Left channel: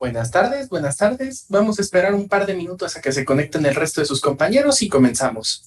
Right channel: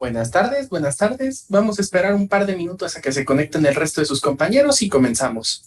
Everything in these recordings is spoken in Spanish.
Buenas tardes, buenas tardes. Vamos a esperar un par de minutos a que se conecten el resto de sus compañeros y comenzamos.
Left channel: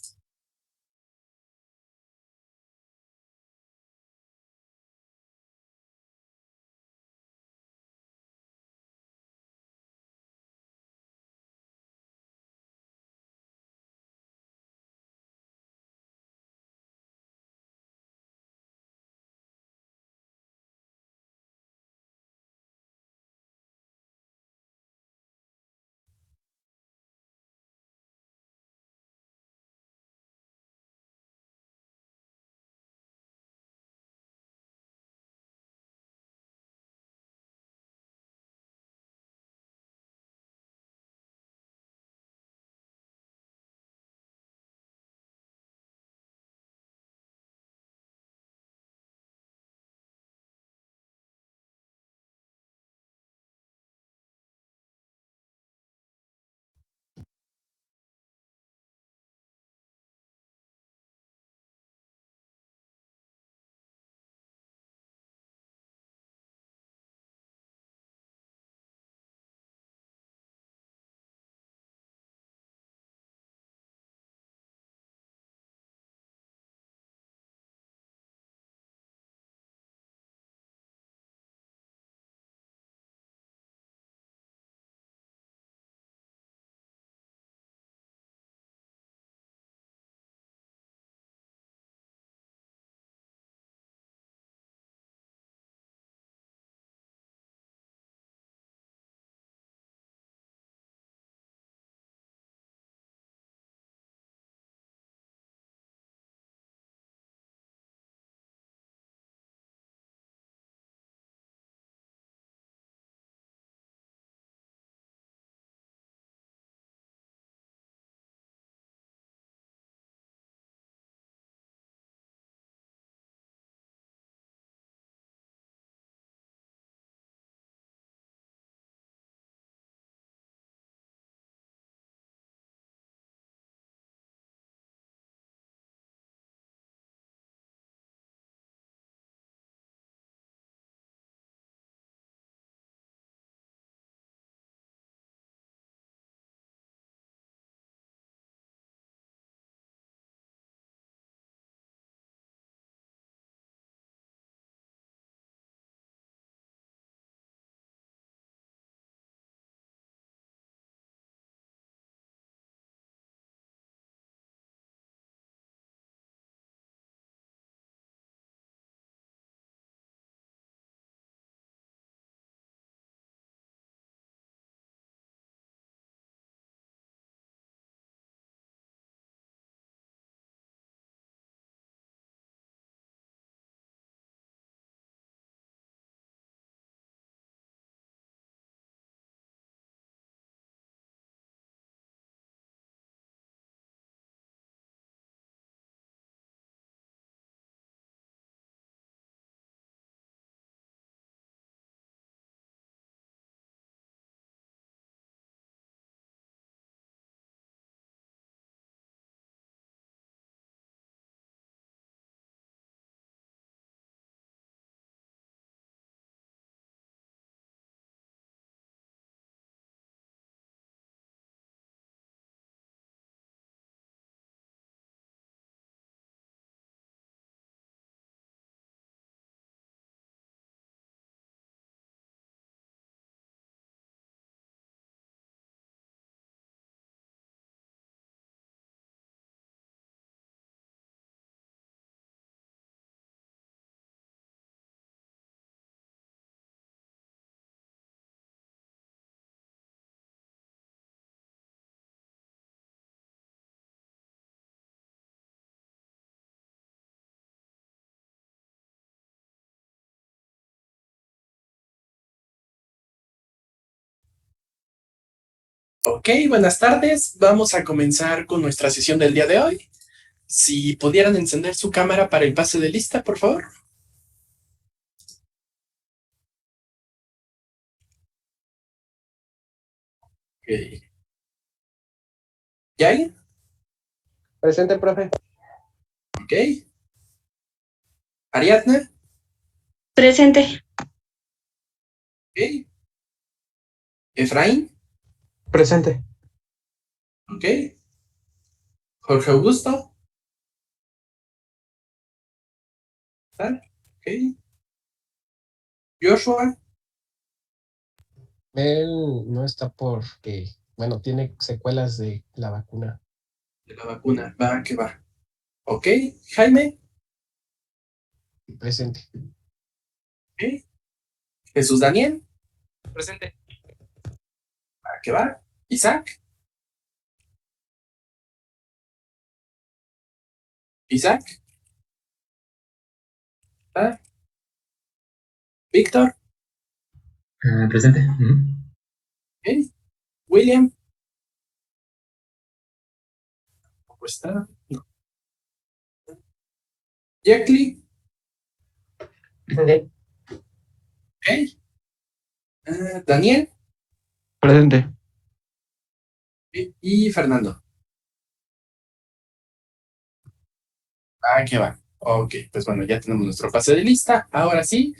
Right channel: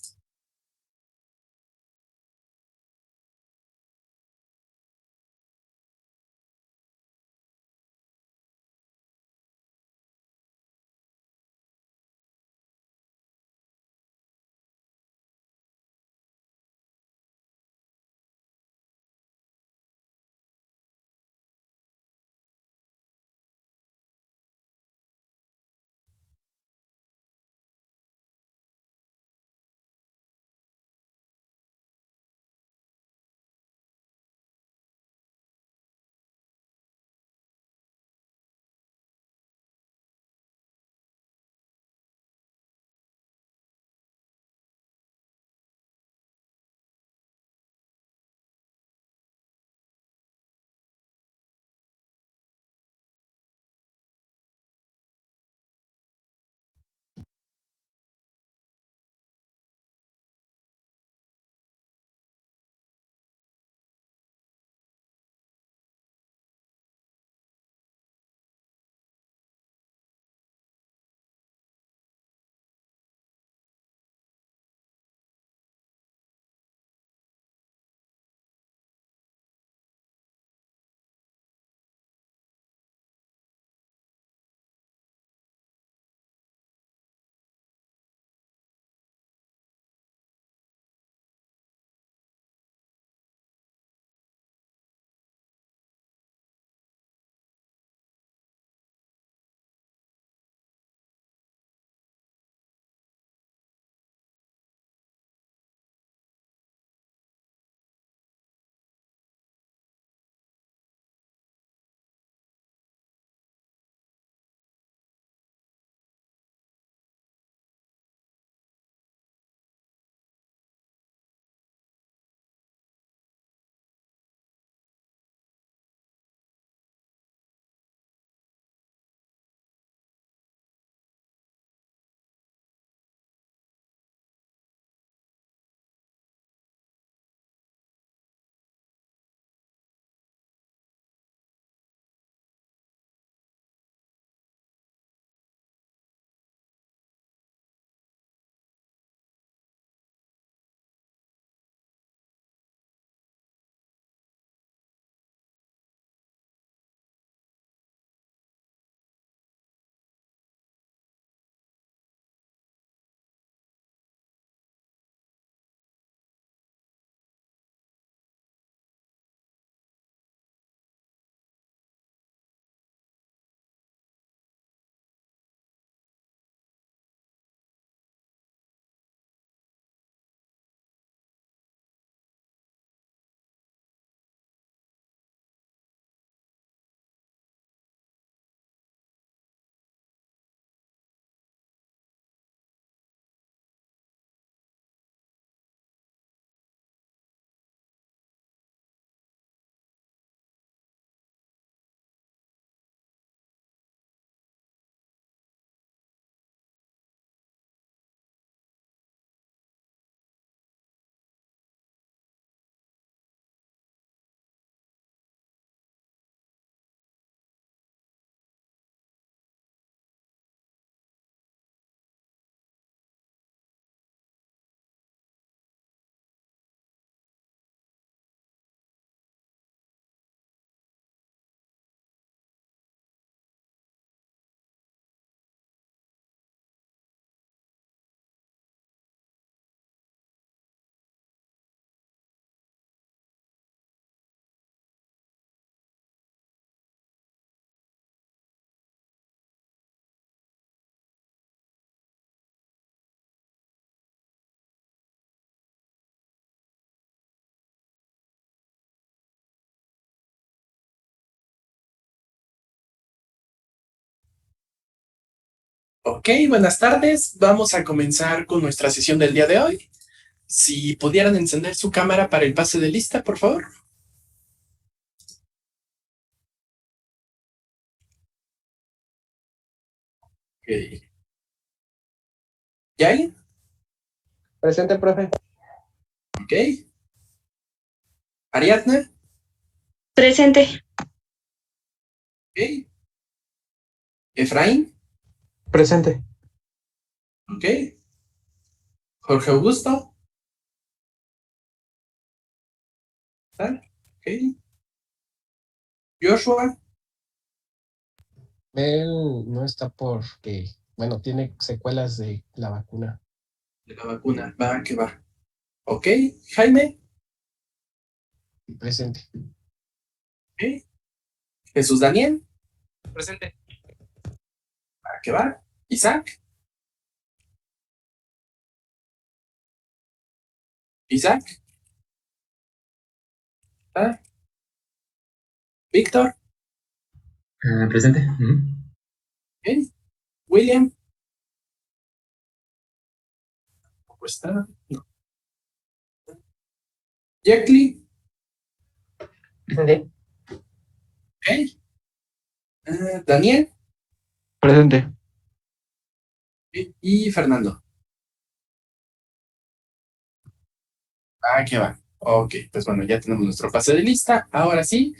Ok, buenas tardes. Vamos a comenzar con nuestra sesión del día de hoy. Si pudieran encender su cámara para el pase de lista, por favor. Ok. ¿Yael? Presente, profe. Ok. ¿Ariadna? Presente. Ok. Efraín, Presente. ok. Jorge Augusto, ¿tal? Ok. Joshua, Él no está porque, bueno, tiene secuelas de la vacuna. de la vacuna, va, que va. Ok. Jaime, Presente. ok. Jesús Daniel, Presente. va, que va. Isaac, Isaac, ¿va? Víctor, Presente. ok. William, ¿cómo está? No. Jackie, Presente. ok. Daniel Presente. y Fernando. Ah, que va. Ok, pues bueno, ya tenemos nuestro pase de lista. Ahora sí,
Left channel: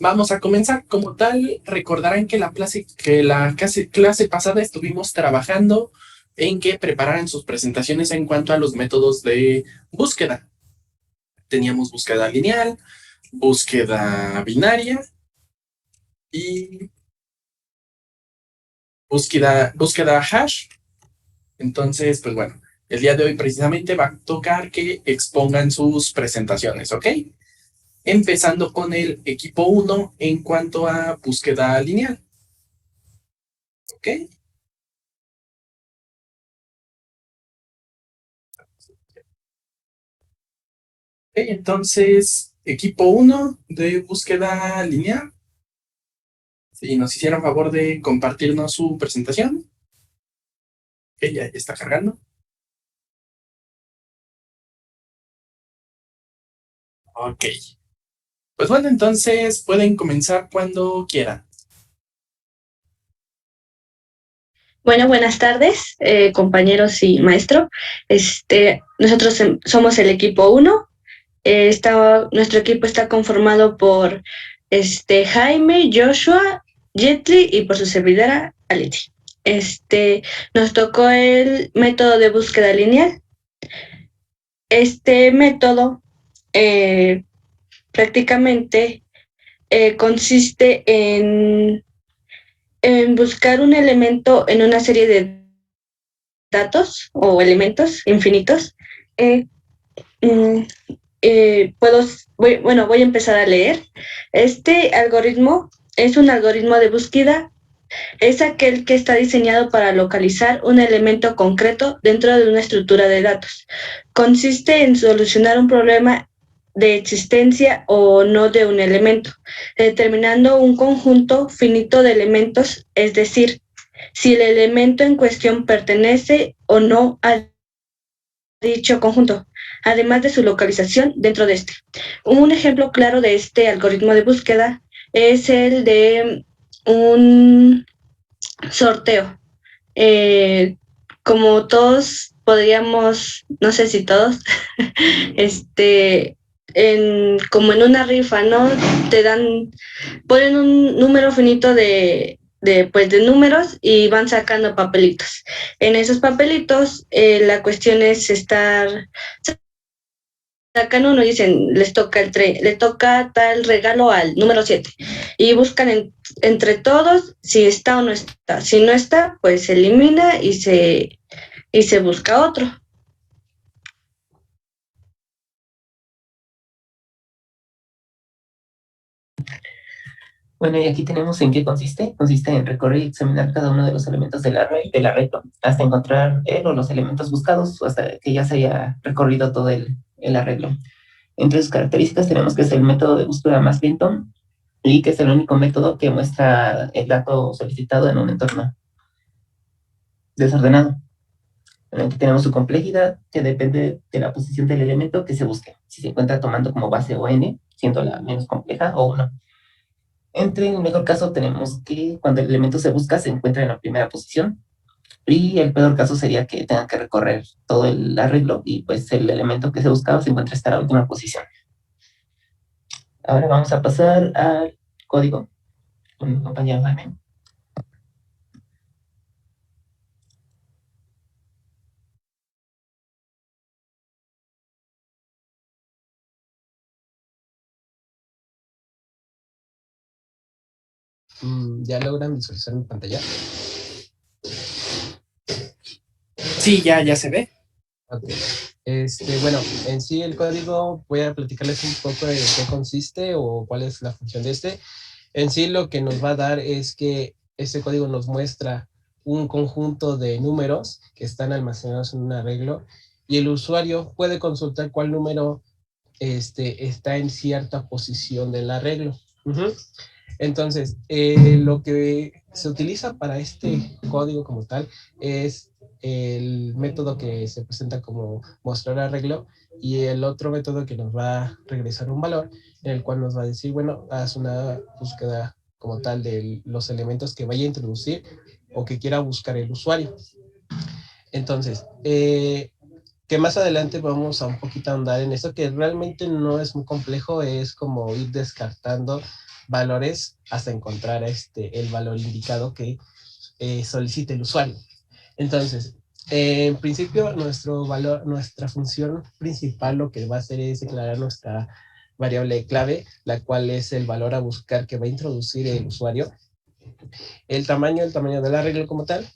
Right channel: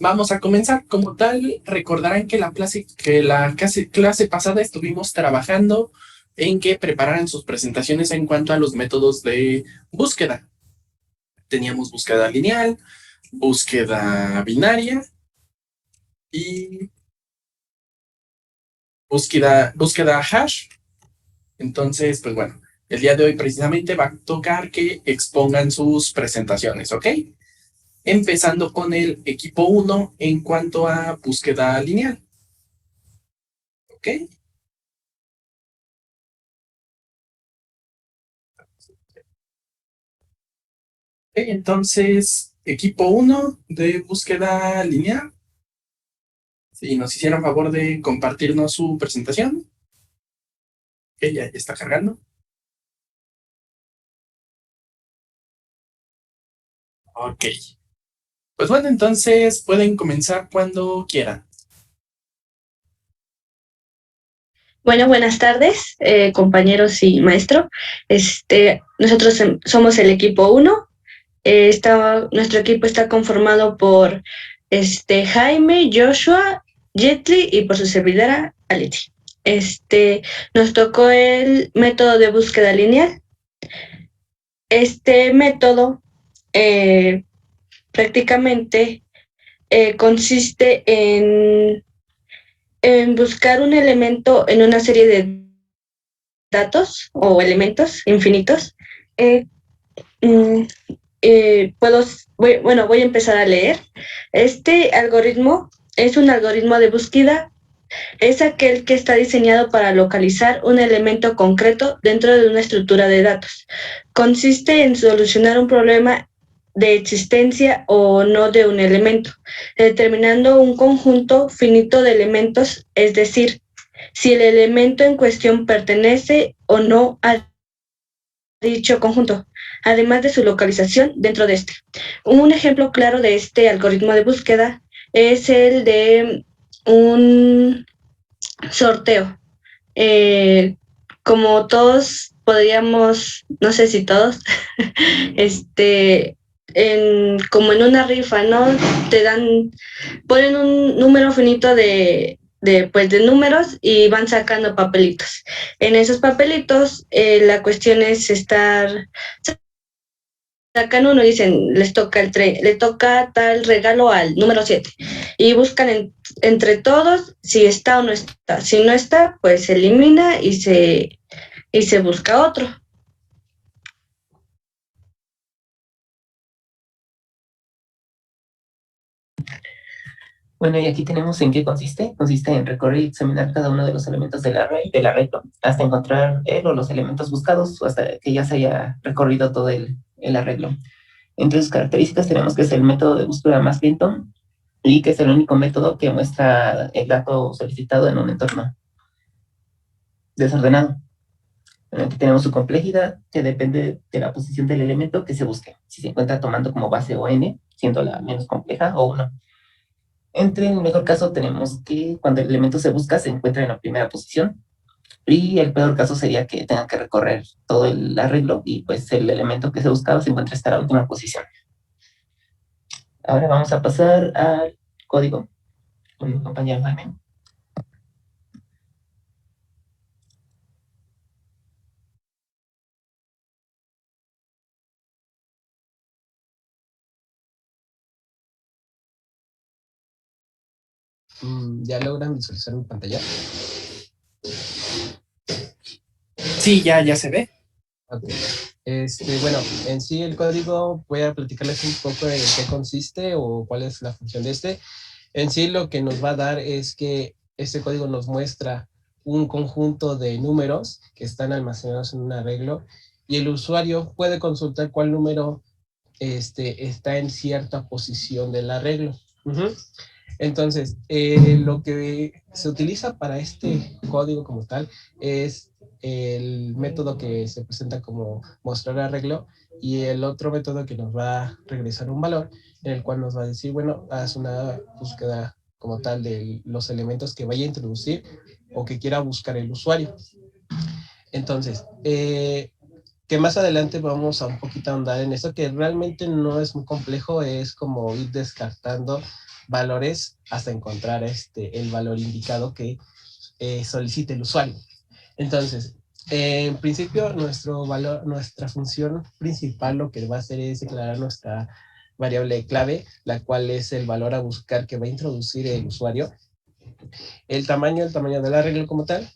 vamos a comenzar. Como tal, recordarán que clase pasada estuvimos trabajando en que prepararan sus presentaciones en cuanto a los métodos de búsqueda. Teníamos búsqueda lineal, búsqueda binaria y búsqueda hash. Entonces, pues bueno, el día de hoy precisamente va a tocar que expongan sus presentaciones, ¿ok? Empezando con el equipo uno en cuanto a búsqueda lineal, ¿ok? Entonces, equipo uno de búsqueda lineal, si nos hicieran favor de compartirnos su presentación, que ya está cargando. Ok. Pues bueno, entonces pueden comenzar cuando quieran. Bueno, buenas tardes, compañeros y maestro. Nosotros somos el equipo 1. Nuestro equipo está conformado por Jaime, Joshua, Jetli y por su servidora, Aleti. Nos tocó el método de búsqueda lineal. Este método prácticamente consiste en buscar un elemento en una serie de datos o elementos infinitos. Eh, mm, voy a empezar a leer. Este algoritmo es un algoritmo de búsqueda. Es aquel que está diseñado para localizar un elemento concreto dentro de una estructura de datos. Consiste en solucionar un problema de existencia o no de un elemento, determinando un conjunto finito de elementos, es decir, si el elemento en cuestión pertenece o no a dicho conjunto, además de su localización dentro de este. Un ejemplo claro de este algoritmo de búsqueda es el de un sorteo. Como todos podríamos, no sé si todos, como en una rifa, ¿no? Ponen un número finito de números y van sacando papelitos. En esos papelitos, la cuestión es estar sacando uno y dicen, le toca tal regalo al número 7 y buscan entre todos si está o no está. Si no está, pues se elimina y se busca otro. Bueno, y aquí tenemos en qué consiste. Consiste en recorrer y examinar cada uno de los elementos del arreglo hasta encontrar él o los elementos buscados o hasta que ya se haya recorrido todo el arreglo. Entre sus características tenemos que es el método de búsqueda más lento y que es el único método que muestra el dato solicitado en un entorno desordenado. Aquí tenemos su complejidad, que depende de la posición del elemento que se busque. Si se encuentra tomando como base o n, siendo la menos compleja, o 1. En el mejor caso tenemos que cuando el elemento se busca se encuentra en la primera posición. Y el peor caso sería que tenga que recorrer todo el arreglo y pues el elemento que se buscaba se encuentra hasta la última posición. Ahora vamos a pasar al código con mi compañero Jaime. ¿Ya logran visualizar mi pantalla? Sí, ya se ve. Ok. Bueno, en sí el código, voy a platicarles un poco de qué consiste o cuál es la función de este. En sí lo que nos va a dar es que este código nos muestra un conjunto de números que están almacenados en un arreglo y el usuario puede consultar cuál número está en cierta posición del arreglo. Entonces, lo que se utiliza para este código como tal es el método que se presenta como mostrar arreglo y el otro método que nos va a regresar un valor en el cual nos va a decir, bueno, haz una búsqueda como tal de los elementos que vaya a introducir o que quiera buscar el usuario. Entonces, que más adelante vamos a un poquito a andar en eso, que realmente no es muy complejo, es como ir descartando valores hasta encontrar el valor indicado que solicite el usuario. Entonces, en principio, nuestra función principal lo que va a hacer es declarar nuestra variable clave, la cual es el valor a buscar que va a introducir el usuario, el tamaño del arreglo como tal,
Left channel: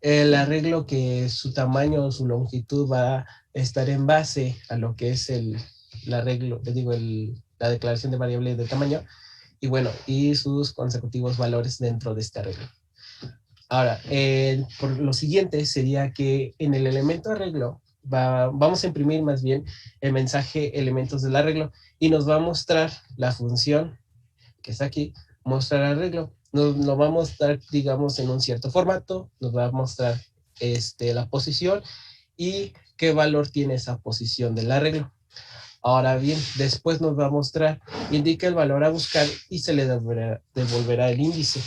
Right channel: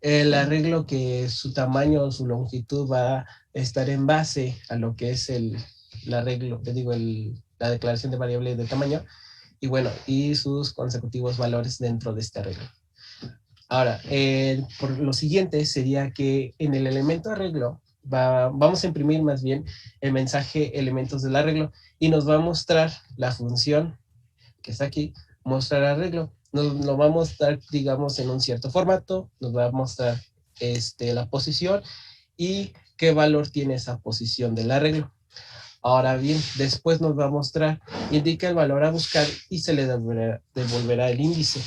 el arreglo que su tamaño o su longitud va a estar en base a lo que es el arreglo, te digo, la declaración de variable de tamaño, y bueno, y sus consecutivos valores dentro de este arreglo. Ahora, por lo siguiente sería que en el elemento arreglo vamos a imprimir más bien el mensaje elementos del arreglo y nos va a mostrar la función que está aquí, mostrar arreglo. Nos lo va a mostrar, digamos, en un cierto formato, nos va a mostrar la posición y qué valor tiene esa posición del arreglo. Ahora bien, después nos va a mostrar, indica el valor a buscar y se le devolverá el índice.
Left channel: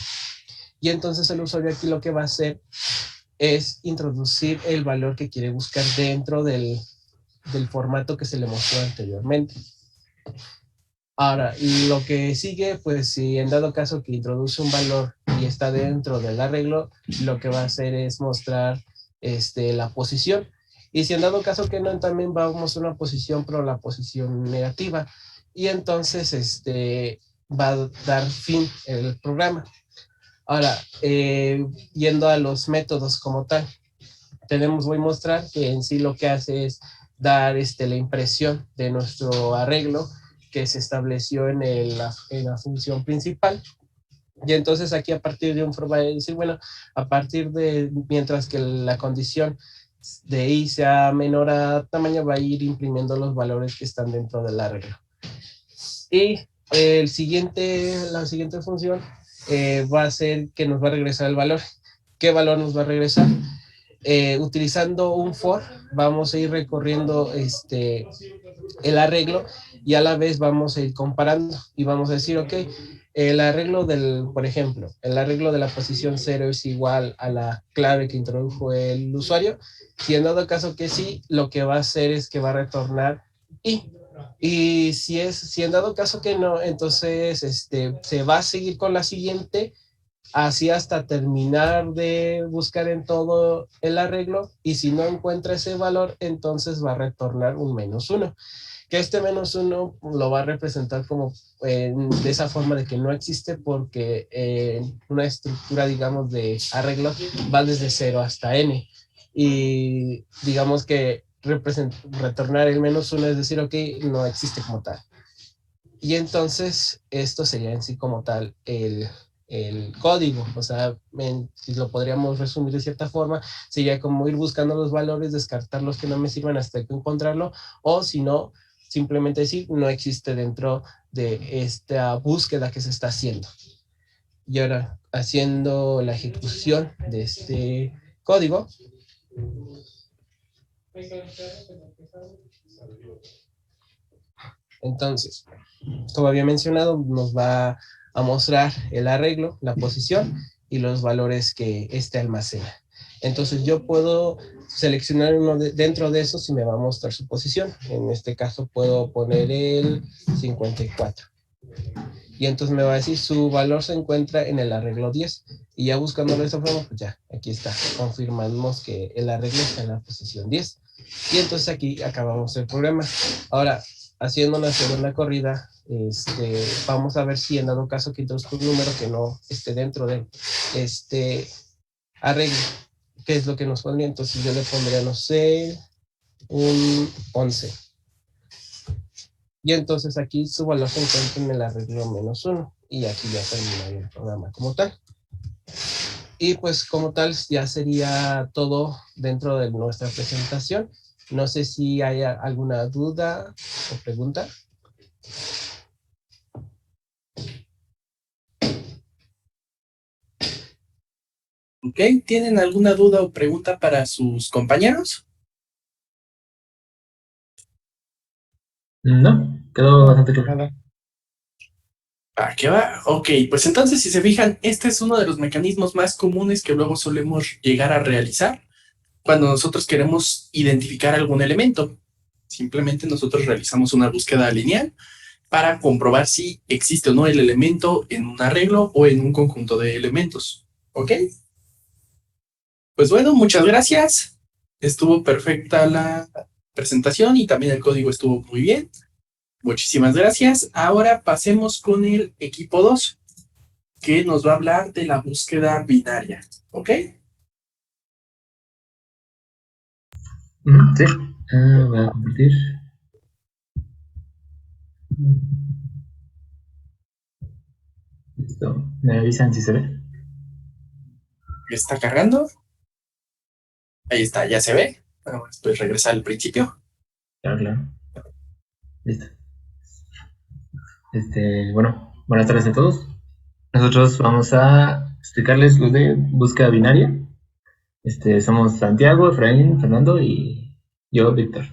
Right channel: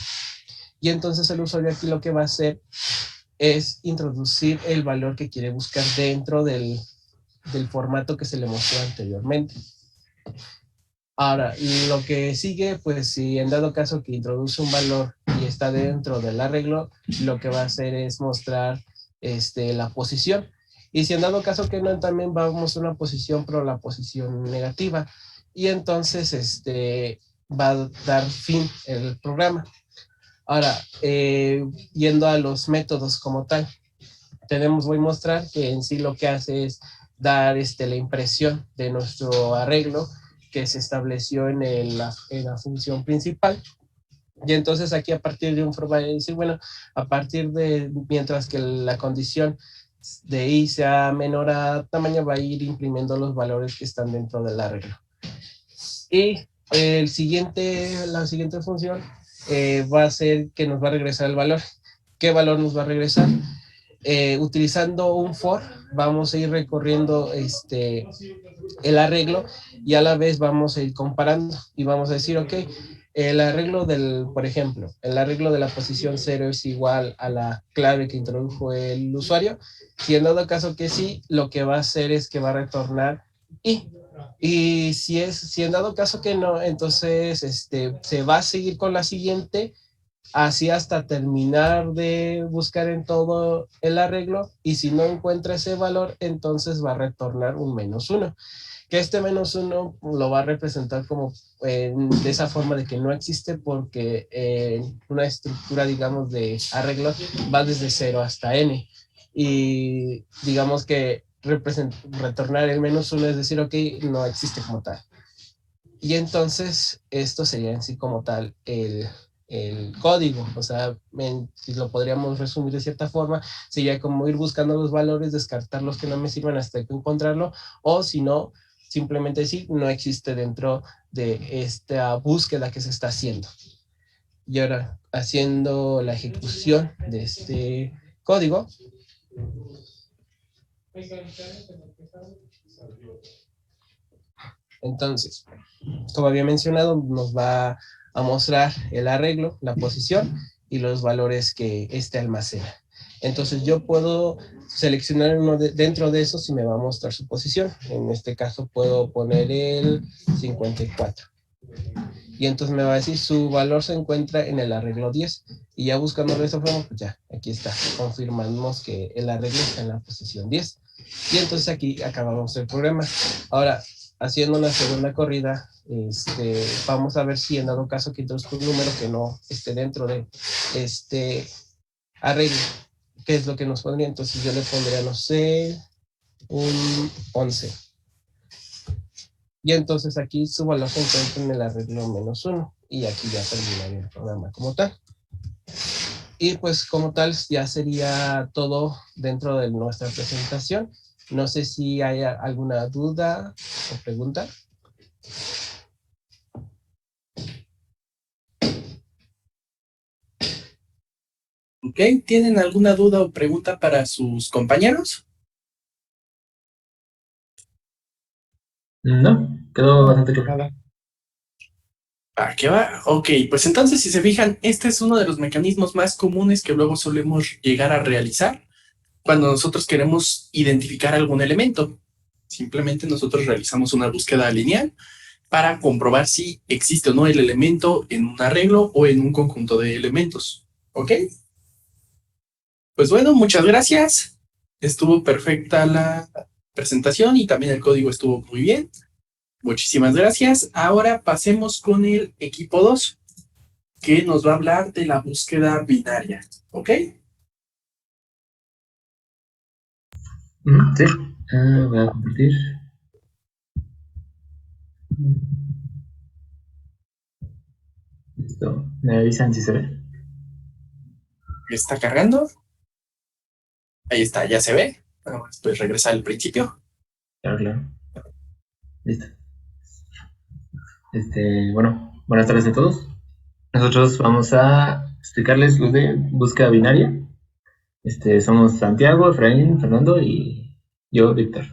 Y entonces el usuario aquí lo que va a hacer es introducir el valor que quiere buscar dentro del formato que se le mostró anteriormente. Ahora, lo que sigue, pues si en dado caso que introduce un valor y está dentro del arreglo, lo que va a hacer es mostrar la posición. Y si en dado caso que no, también va a mostrar una posición, pero la posición negativa. Y entonces va a dar fin el programa. Ahora, yendo a los métodos como tal, voy a mostrar que en sí lo que hace es dar la impresión de nuestro arreglo que se estableció en la función principal. Y entonces aquí a partir de un for va a decir, bueno, a partir de, mientras que la condición de i sea menor a tamaño, va a ir imprimiendo los valores que están dentro del arreglo. Y la siguiente función va a ser que nos va a regresar el valor. ¿Qué valor nos va a regresar? Utilizando un for, vamos a ir recorriendo el arreglo y a la vez vamos a ir comparando y vamos a decir, ok, el arreglo por ejemplo, el arreglo de la posición 0 es igual a la clave que introdujo el usuario. Si en dado caso que sí, lo que va a hacer es que va a retornar y si en dado caso que no, entonces se va a seguir con la siguiente, así hasta terminar de buscar en todo el arreglo, y si no encuentra ese valor, entonces va a retornar un -1, que -1 lo va a representar como de esa forma de que no existe, porque una estructura, digamos, de arreglo va desde 0 hasta n, y digamos que retornar el -1 es decir, ok, no existe como tal. Y entonces esto sería en sí como tal el código, o sea, si lo podríamos resumir de cierta forma, sería como ir buscando los valores, descartar los que no me sirvan hasta que encontrarlo, o si no, simplemente decir no existe dentro de esta búsqueda que se está haciendo. Y ahora, haciendo la ejecución de este código, entonces, como había mencionado, nos va a mostrar el arreglo, la posición y los valores que almacena. Entonces yo puedo seleccionar uno dentro de esos y me va a mostrar su posición. En este caso puedo poner el 54. Y entonces me va a decir su valor se encuentra en el arreglo 10. Y ya buscándolo de esta forma, pues ya, aquí está. Confirmamos que el arreglo está en la posición 10. Y entonces aquí acabamos el programa. Ahora, haciendo una segunda corrida, vamos a ver si en dado caso que introduzco un número que no esté dentro de este arreglo, qué es lo que nos pondría. Entonces yo le pondría, no sé, un 11. Y entonces aquí su valor se encuentra en el arreglo -1 y aquí ya terminaría el programa como tal. Y pues como tal ya sería todo dentro de nuestra presentación. No sé si hay alguna duda o pregunta. ¿Ok? ¿Tienen alguna duda o pregunta para sus compañeros? No, quedó bastante claro. Nada. ¿Qué va? Ok, pues entonces si se fijan, este es uno de los mecanismos más comunes que luego solemos llegar a realizar cuando nosotros queremos identificar algún elemento. Simplemente nosotros realizamos una búsqueda lineal para comprobar si existe o no el elemento en un arreglo o en un conjunto de elementos. ¿Ok? Pues bueno, muchas gracias. Estuvo perfecta la presentación y también el código estuvo muy bien. Muchísimas gracias. Ahora pasemos con el equipo 2, que nos va a hablar de la búsqueda binaria. ¿Ok? Sí, voy a compartir. Listo. ¿Me avisan si se ve? ¿Está cargando? Ahí está, ya se ve. Bueno, pues regresar al principio. Claro, claro. Listo. Bueno, buenas tardes a todos. Nosotros vamos a explicarles lo de búsqueda binaria. Somos Santiago, Efraín, Fernando y yo, Víctor.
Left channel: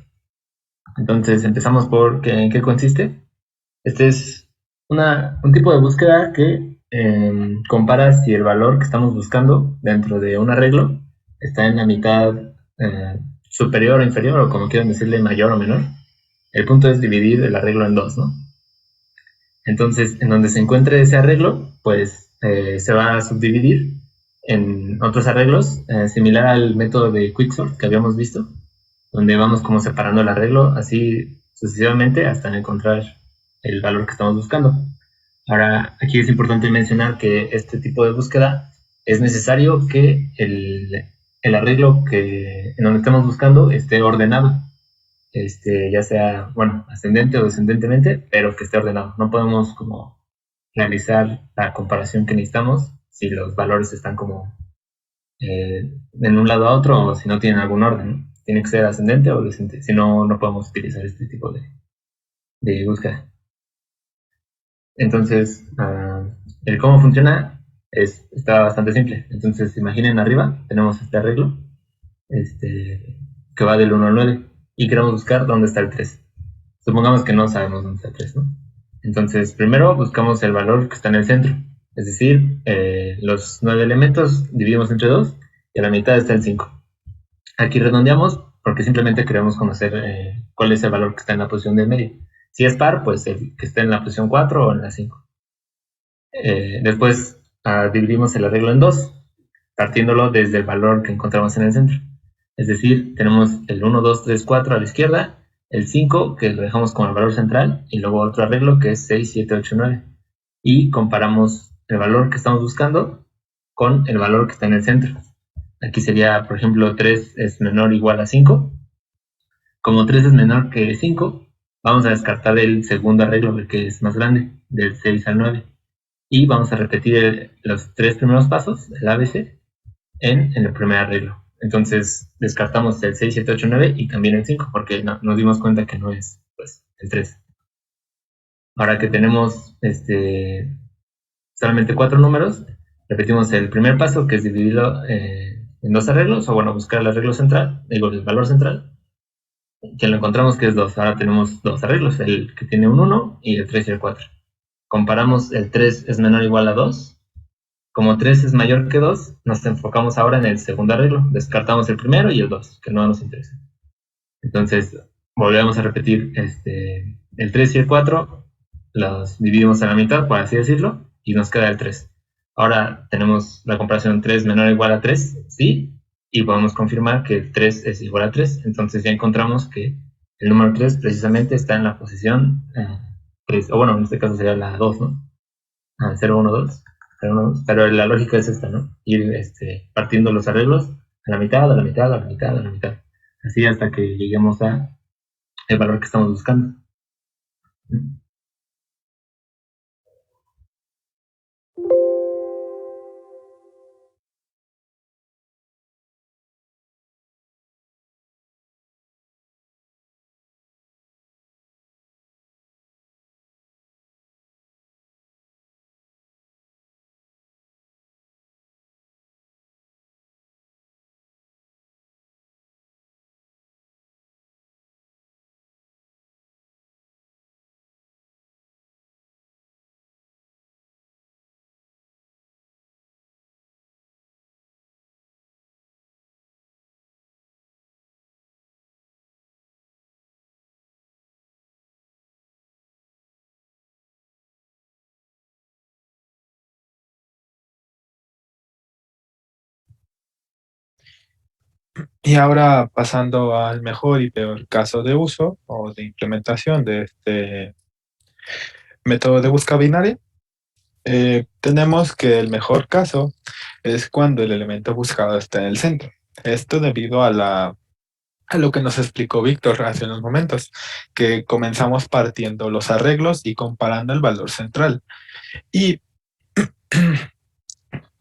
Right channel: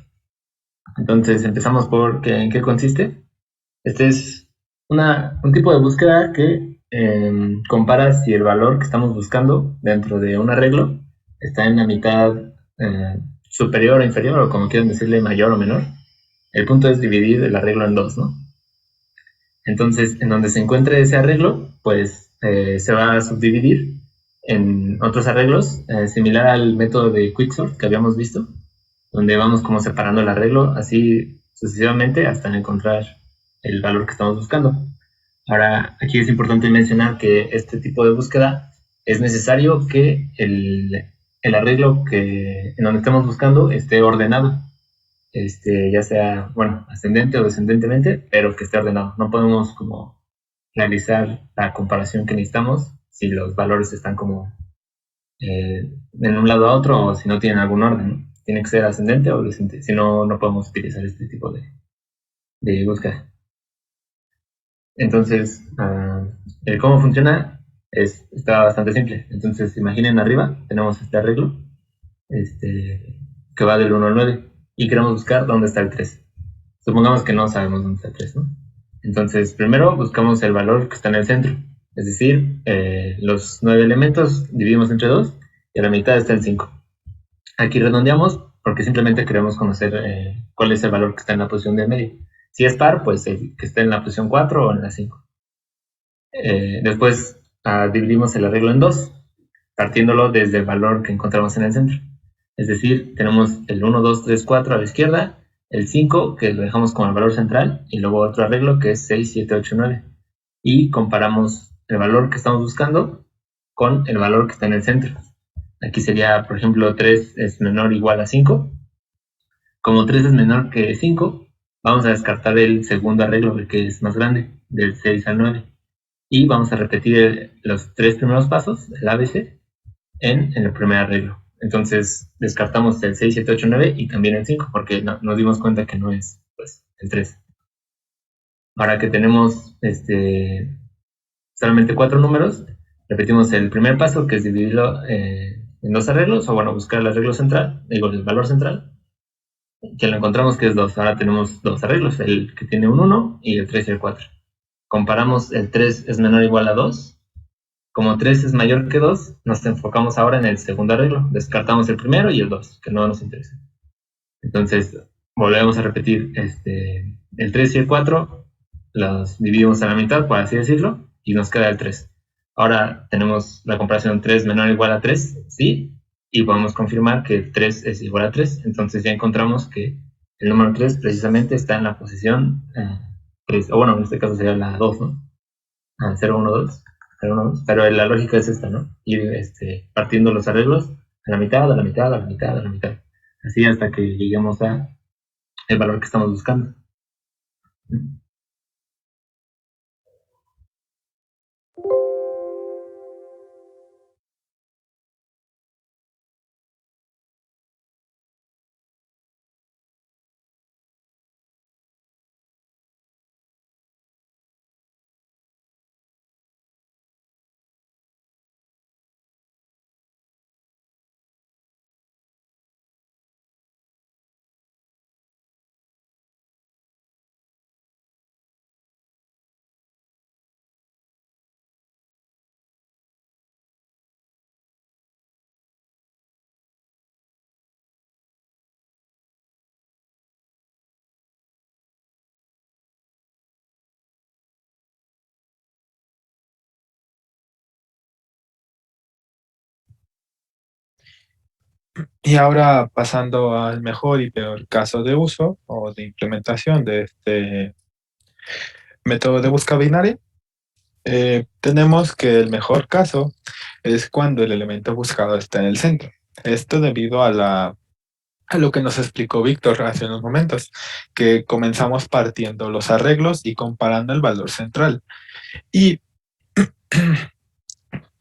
Entonces empezamos por en qué consiste. Este es un tipo de búsqueda que compara si el valor que estamos buscando dentro de un arreglo está en la mitad superior o inferior, o como quieran decirle, mayor o menor. El punto es dividir el arreglo en dos, ¿no? Entonces, en donde se encuentre ese arreglo, pues se va a subdividir en otros arreglos, similar al método de Quicksort que habíamos visto, donde vamos como separando el arreglo así sucesivamente hasta encontrar el valor que estamos buscando. Ahora, aquí es importante mencionar que este tipo de búsqueda es necesario que el arreglo en donde estemos buscando esté ordenado, ya sea, bueno, ascendente o descendentemente, pero que esté ordenado. No podemos como realizar la comparación que necesitamos si los valores están como en un lado a otro o si no tienen algún orden, ¿no? Tiene que ser ascendente o descendente, si no, no podemos utilizar este tipo de búsqueda. Entonces, el cómo funciona está bastante simple. Entonces, imaginen arriba, tenemos este arreglo que va del 1 al 9 y queremos buscar dónde está el 3. Supongamos que no sabemos dónde está el 3, ¿no? Entonces, primero buscamos el valor que está en el centro. Es decir, los 9 elementos dividimos entre 2 y a la mitad está el 5. Aquí redondeamos porque simplemente queremos conocer cuál es el valor que está en la posición del medio. Si es par, pues el que esté en la posición 4 o en la 5. Después dividimos el arreglo en 2, partiéndolo desde el valor que encontramos en el centro. Es decir, tenemos el 1, 2, 3, 4 a la izquierda, el 5 que lo dejamos como el valor central y luego otro arreglo que es 6, 7, 8, 9. Y comparamos el valor que estamos buscando con el valor que está en el centro. Aquí sería, por ejemplo, 3 es menor o igual a 5. Como 3 es menor que 5, vamos a descartar el segundo arreglo, el que es más grande, del 6 al 9. Y vamos a repetir los 3 primeros pasos, el ABC, en el primer arreglo. Entonces descartamos el 6, 7, 8, 9 y también el 5, porque nos dimos cuenta que no es pues, el 3. Ahora que tenemos solamente 4 números, repetimos el primer paso, que es dividirlo en 2 arreglos, o bueno, buscar el arreglo central, el valor central, que lo encontramos que es 2. Ahora tenemos 2 arreglos, el que tiene un 1 y el 3 y el 4. Comparamos el 3 es menor o igual a 2. Como 3 es mayor que 2, nos enfocamos ahora en el segundo arreglo. Descartamos el primero y el 2, que no nos interesa. Entonces, volvemos a repetir el 3 y el 4, los dividimos a la mitad, por así decirlo, y nos queda el 3. Ahora tenemos la comparación 3 menor o igual a 3, ¿sí? Y podemos confirmar que 3 es igual a 3. Entonces ya encontramos que El número 3 precisamente está en la posición 3, o bueno, en este caso sería la 2, ¿no? 0, 1, 2, 0, 1, 2, pero la lógica es esta, ¿no? Ir partiendo los arreglos a la mitad, a la mitad, a la mitad, a la mitad, así hasta que lleguemos a el valor que estamos buscando. Y ahora pasando al mejor y peor caso de uso o de implementación de este método de búsqueda binaria, tenemos que el mejor caso es cuando el elemento buscado está en el centro. Esto debido a lo que nos explicó Víctor hace unos momentos, que comenzamos partiendo los arreglos y comparando el valor central. Y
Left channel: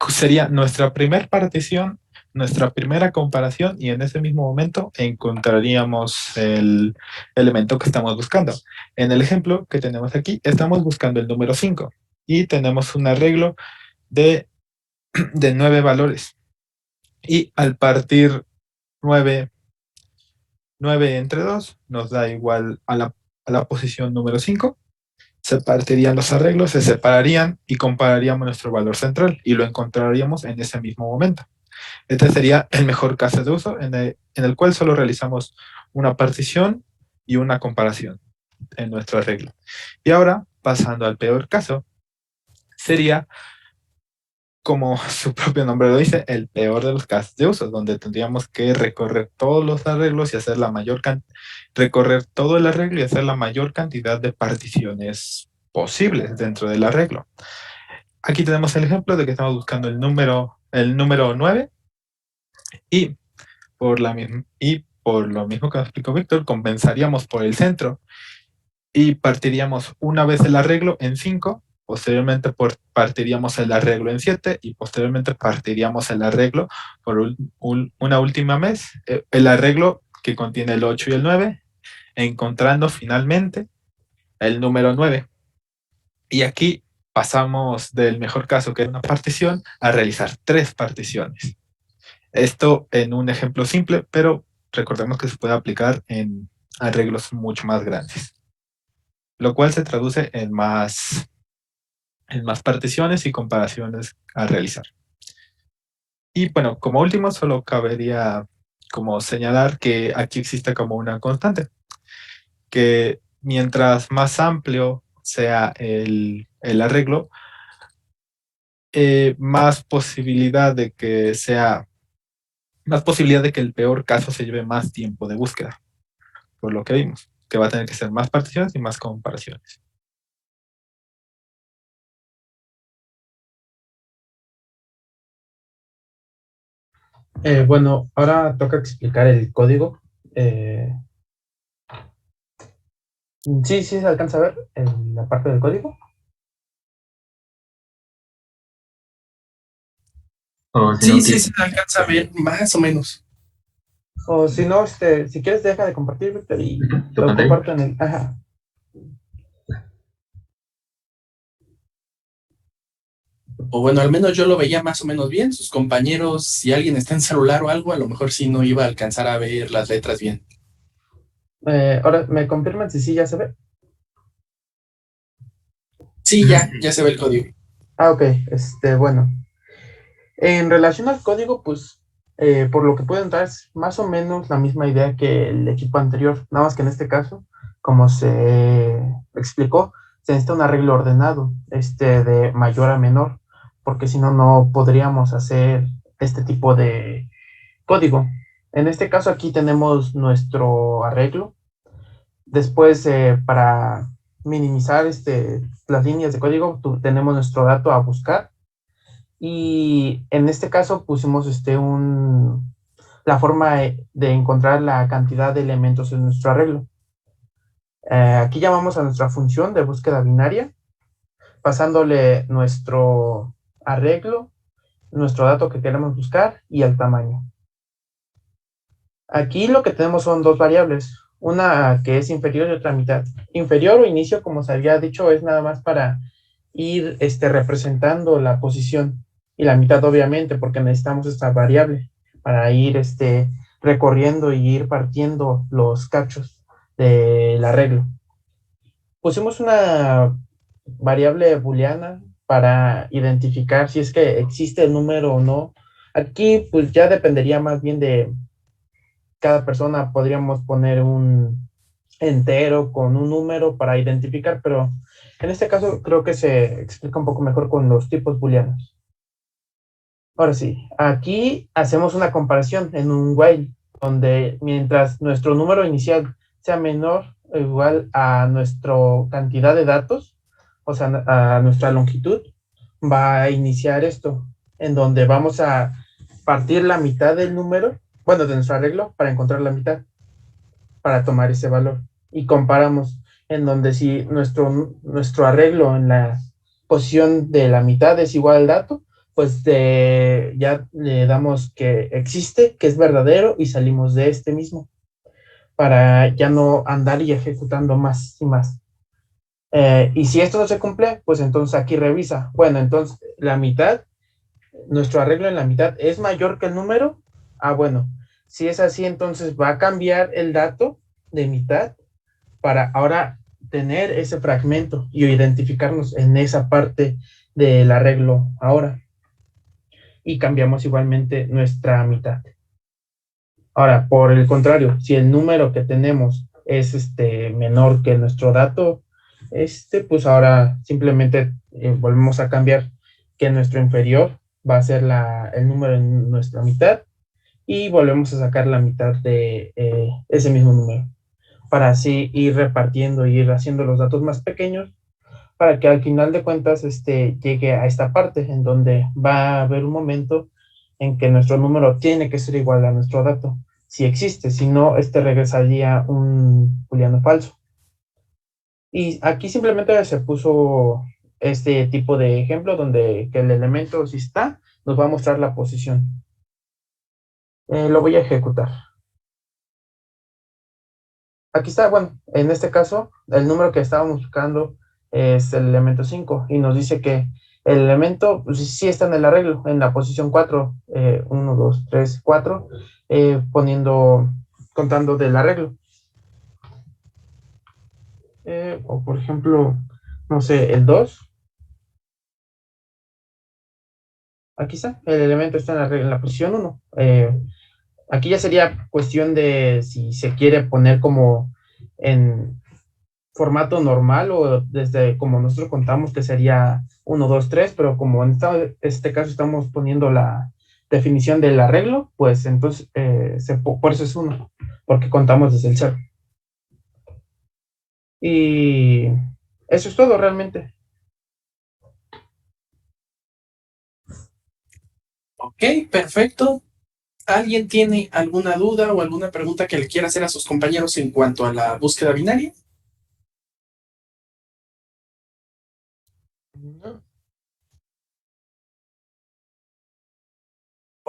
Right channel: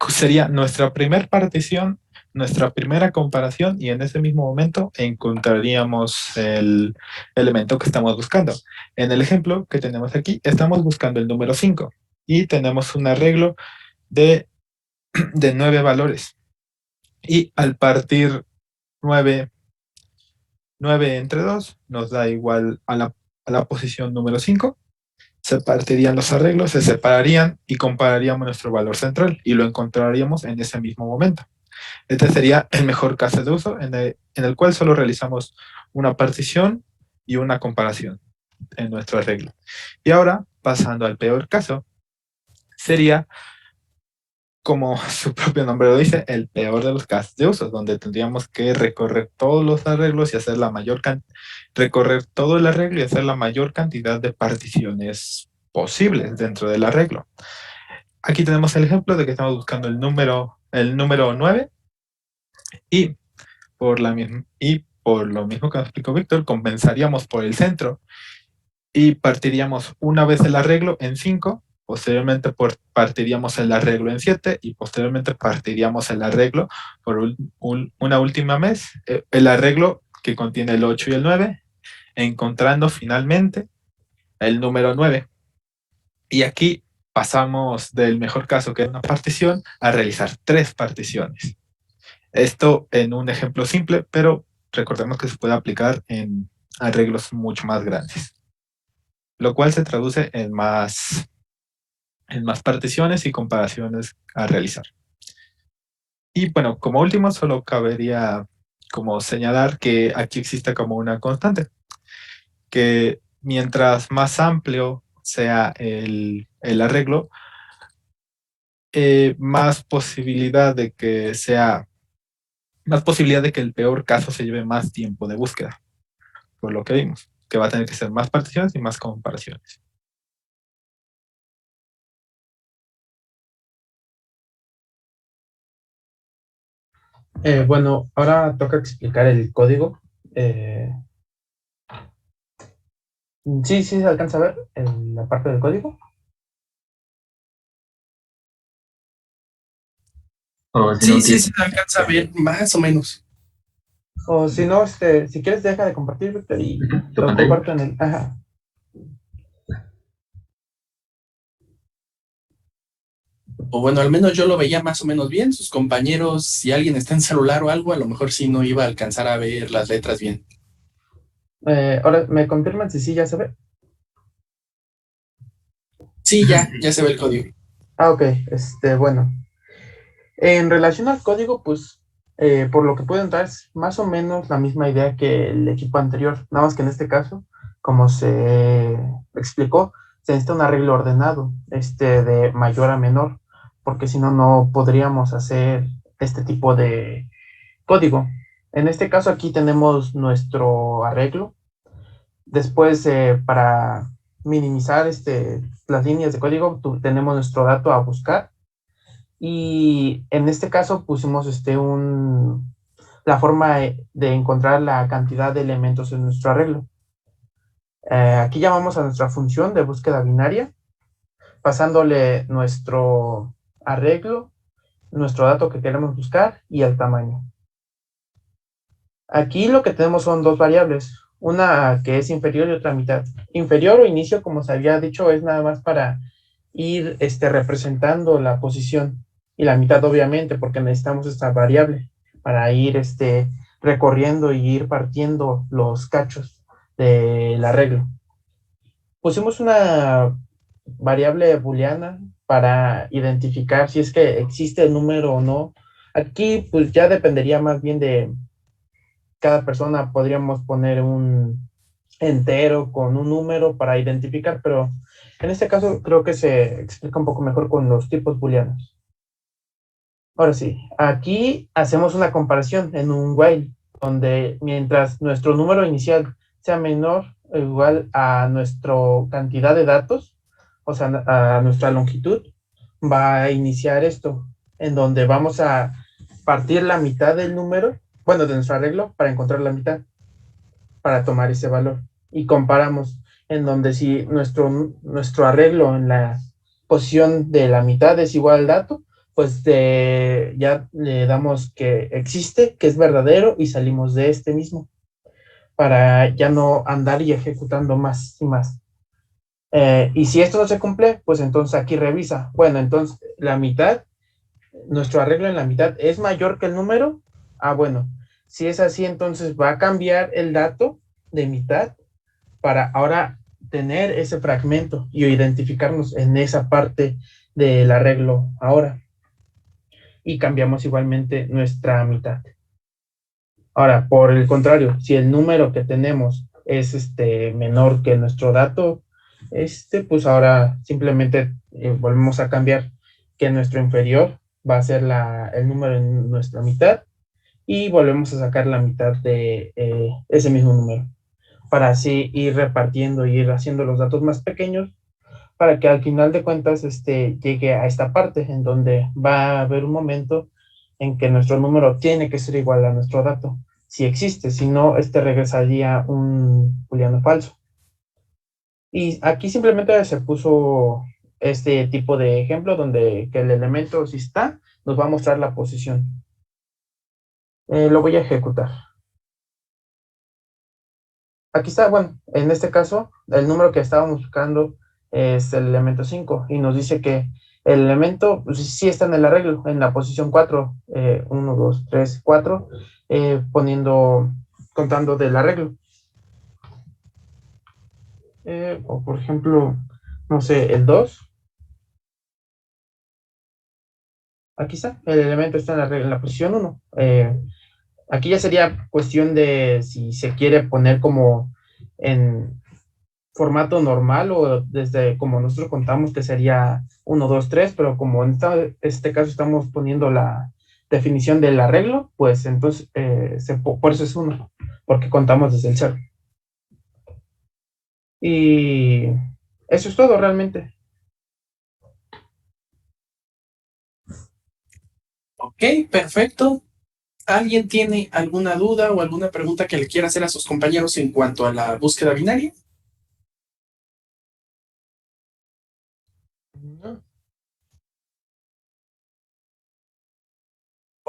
sería nuestra primera partición, nuestra primera comparación, y en ese mismo momento encontraríamos el elemento que estamos buscando. En el ejemplo que tenemos aquí, estamos buscando el número 5 y tenemos un arreglo de 9 valores. Y al partir 9 entre 2 nos da igual a la posición número 5. Se partirían los arreglos, se separarían y compararíamos nuestro valor central y lo encontraríamos en ese mismo momento. Este sería el mejor caso de uso en el cual solo realizamos una partición y una comparación en nuestro arreglo. Y ahora, pasando al peor caso, sería, como su propio nombre lo dice, el peor de los casos de uso, donde tendríamos que recorrer todos los arreglos y hacer recorrer todo el arreglo y hacer la mayor cantidad de particiones posibles dentro del arreglo. Aquí tenemos el ejemplo de que estamos buscando el número 9 y por lo mismo que nos explicó Víctor, compensaríamos por el centro y partiríamos una vez el arreglo en 5, posteriormente partiríamos el arreglo en 7 y posteriormente partiríamos el arreglo por una última vez, el arreglo que contiene el 8 y el 9, encontrando finalmente el número 9. Y aquí pasamos del mejor caso, que es una partición, a realizar 3 particiones. Esto en un ejemplo simple, pero recordemos que se puede aplicar en arreglos mucho más grandes, lo cual se traduce en más particiones y comparaciones a realizar. Y bueno, como último, solo cabería como señalar que aquí existe como una constante, que mientras más amplio sea el arreglo, más posibilidad de que el peor caso se lleve más tiempo de búsqueda, por lo que vimos, que va a tener que ser más particiones y más comparaciones. Bueno, ahora toca explicar el código. Sí, se alcanza a ver la parte del código. O si no, Sí, se alcanza a ver más o menos. O si no, si quieres deja de compartir, Víctor, y tu lo pantalla. comparto en el... Ajá. O bueno, al menos yo lo veía más o menos bien. Sus compañeros, si alguien está en celular o algo, a lo mejor sí no iba a alcanzar a ver las letras bien. Ahora, ¿me confirman si sí ya se ve? Sí, ya se ve el código. Ah, ok. Bueno. En relación al código, pues, por lo que puedo entrar es más o menos la misma idea que el equipo anterior, nada más que en este caso, como se explicó, se necesita un arreglo ordenado, de mayor a menor, porque si no, no podríamos hacer este tipo de código. En este caso aquí tenemos nuestro arreglo Después, para minimizar las líneas de código, tenemos nuestro dato a buscar. Y en este caso pusimos la forma de encontrar la cantidad de elementos en nuestro arreglo. Aquí llamamos a nuestra función de búsqueda binaria, pasándole nuestro arreglo, nuestro dato que queremos buscar y el tamaño. Aquí lo que tenemos son dos variables, una que es inferior y otra mitad. Inferior o inicio, como se había dicho, es nada más para ir representando la posición, y la mitad obviamente porque necesitamos esta variable para ir recorriendo y ir partiendo los cachos del arreglo. Pusimos una variable booleana para identificar si es que existe el número o no. Aquí pues ya dependería más bien de cada persona. Podríamos poner un entero con un número para identificar, pero en este caso creo que se explica un poco mejor con los tipos booleanos. Ahora sí, aquí hacemos una comparación en un while, donde mientras nuestro número inicial sea menor o igual a nuestra cantidad de datos, o sea, a nuestra longitud, va a iniciar esto, en donde vamos a partir la mitad del número, bueno, de nuestro arreglo, para encontrar la mitad, para tomar ese valor. Y comparamos en donde si nuestro arreglo en la posición de la mitad es igual al dato, pues ya le damos que existe, que es verdadero, y salimos de este mismo, para ya no andar y ejecutando más y más. Y si esto no se cumple, pues entonces aquí revisa. Bueno, entonces la mitad, nuestro arreglo en la mitad es mayor que el número. Ah, bueno, si es así, entonces va a cambiar el dato de mitad para ahora tener ese fragmento y identificarnos en esa parte del arreglo ahora. Y cambiamos igualmente nuestra mitad. Ahora, por el contrario, si el número que tenemos es menor que nuestro dato, pues ahora simplemente volvemos a cambiar que nuestro inferior va a ser el número en nuestra mitad, y volvemos a sacar la mitad de ese mismo número, para así ir repartiendo y ir haciendo los datos más pequeños, para que al final de cuentas llegue a esta parte en donde va a haber un momento en que nuestro número tiene que ser igual a nuestro dato, si existe. Si no, regresaría un booleano falso. Y aquí simplemente se puso este tipo de ejemplo donde que el elemento, si está, nos va a mostrar la posición. Lo voy a ejecutar. Aquí está, bueno, en este caso, el número que estábamos buscando es el elemento 5, y nos dice que el elemento pues, sí está en el arreglo, en la posición 4, 1, 2, 3, 4, contando del arreglo. O por ejemplo, no sé, el 2. Aquí está, el elemento está en la posición 1. Aquí ya sería cuestión de si se quiere poner como en formato normal o desde como nosotros contamos, que sería 1, 2, 3, pero como en este caso estamos poniendo la definición del arreglo, pues entonces por eso es 1, porque contamos desde el 0. Y eso es todo realmente. Ok, perfecto. ¿Alguien tiene alguna duda o alguna pregunta que le quiera hacer a sus compañeros en cuanto a la búsqueda binaria?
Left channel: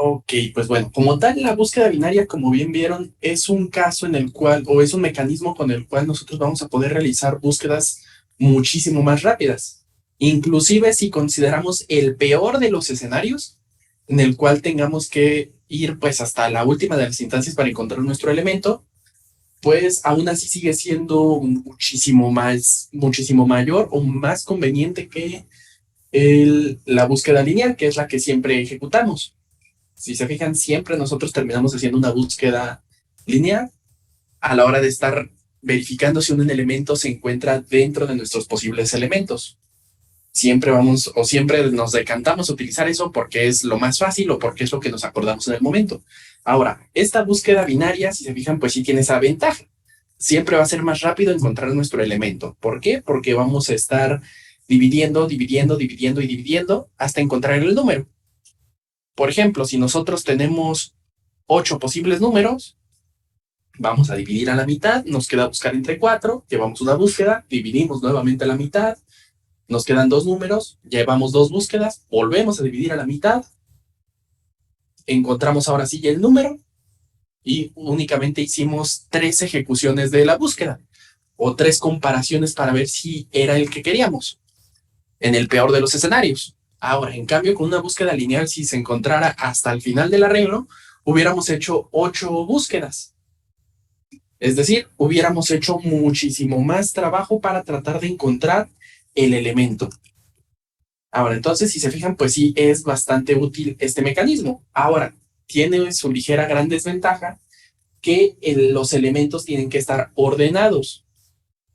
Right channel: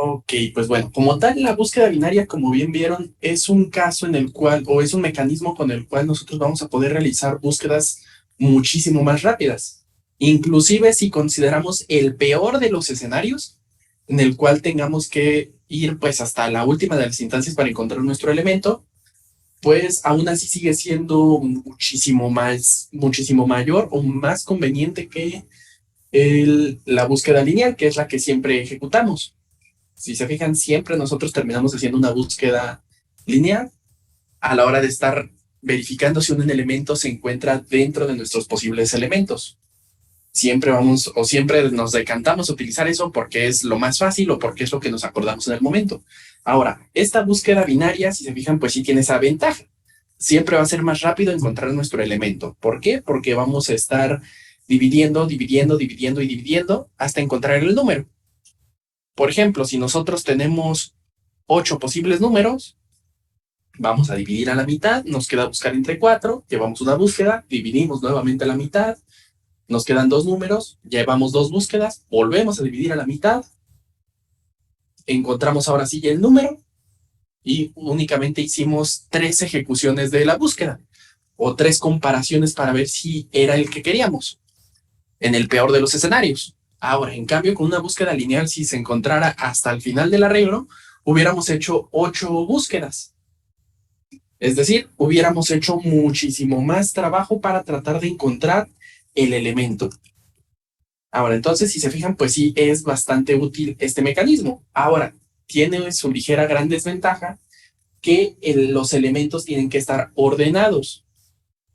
Ok, pues bueno, como tal, la búsqueda binaria, como bien vieron, es un caso en el cual, o es un mecanismo con el cual nosotros vamos a poder realizar búsquedas muchísimo más rápidas. Inclusive si consideramos el peor de los escenarios, en el cual tengamos que ir pues hasta la última de las instancias para encontrar nuestro elemento, pues aún así sigue siendo muchísimo mayor o más conveniente que la búsqueda lineal, que es la que siempre ejecutamos. Si se fijan, siempre nosotros terminamos haciendo una búsqueda lineal a la hora de estar verificando si un elemento se encuentra dentro de nuestros posibles elementos. Siempre nos decantamos a utilizar eso porque es lo más fácil o porque es lo que nos acordamos en el momento. Ahora, esta búsqueda binaria, si se fijan, pues sí tiene esa ventaja siempre va a ser más rápido encontrar nuestro elemento. ¿Por qué? Porque vamos a estar dividiendo y dividiendo hasta encontrar el número. Por ejemplo, si nosotros tenemos 8 posibles números, vamos a dividir a la mitad, nos queda buscar entre 4, llevamos una búsqueda, dividimos nuevamente a la mitad, nos quedan 2 números, llevamos 2 búsquedas, volvemos a dividir a la mitad, encontramos ahora sí el número y únicamente hicimos 3 ejecuciones de la búsqueda o 3 comparaciones para ver si era el que queríamos, en el peor de los escenarios. Ahora, en cambio, con una búsqueda lineal, si se encontrara hasta el final del arreglo, hubiéramos hecho 8 búsquedas. Es decir, hubiéramos hecho muchísimo más trabajo para tratar de encontrar el elemento. Ahora, entonces, si se fijan, pues sí es bastante útil este mecanismo. Ahora, tiene su ligera gran desventaja que los elementos tienen que estar ordenados.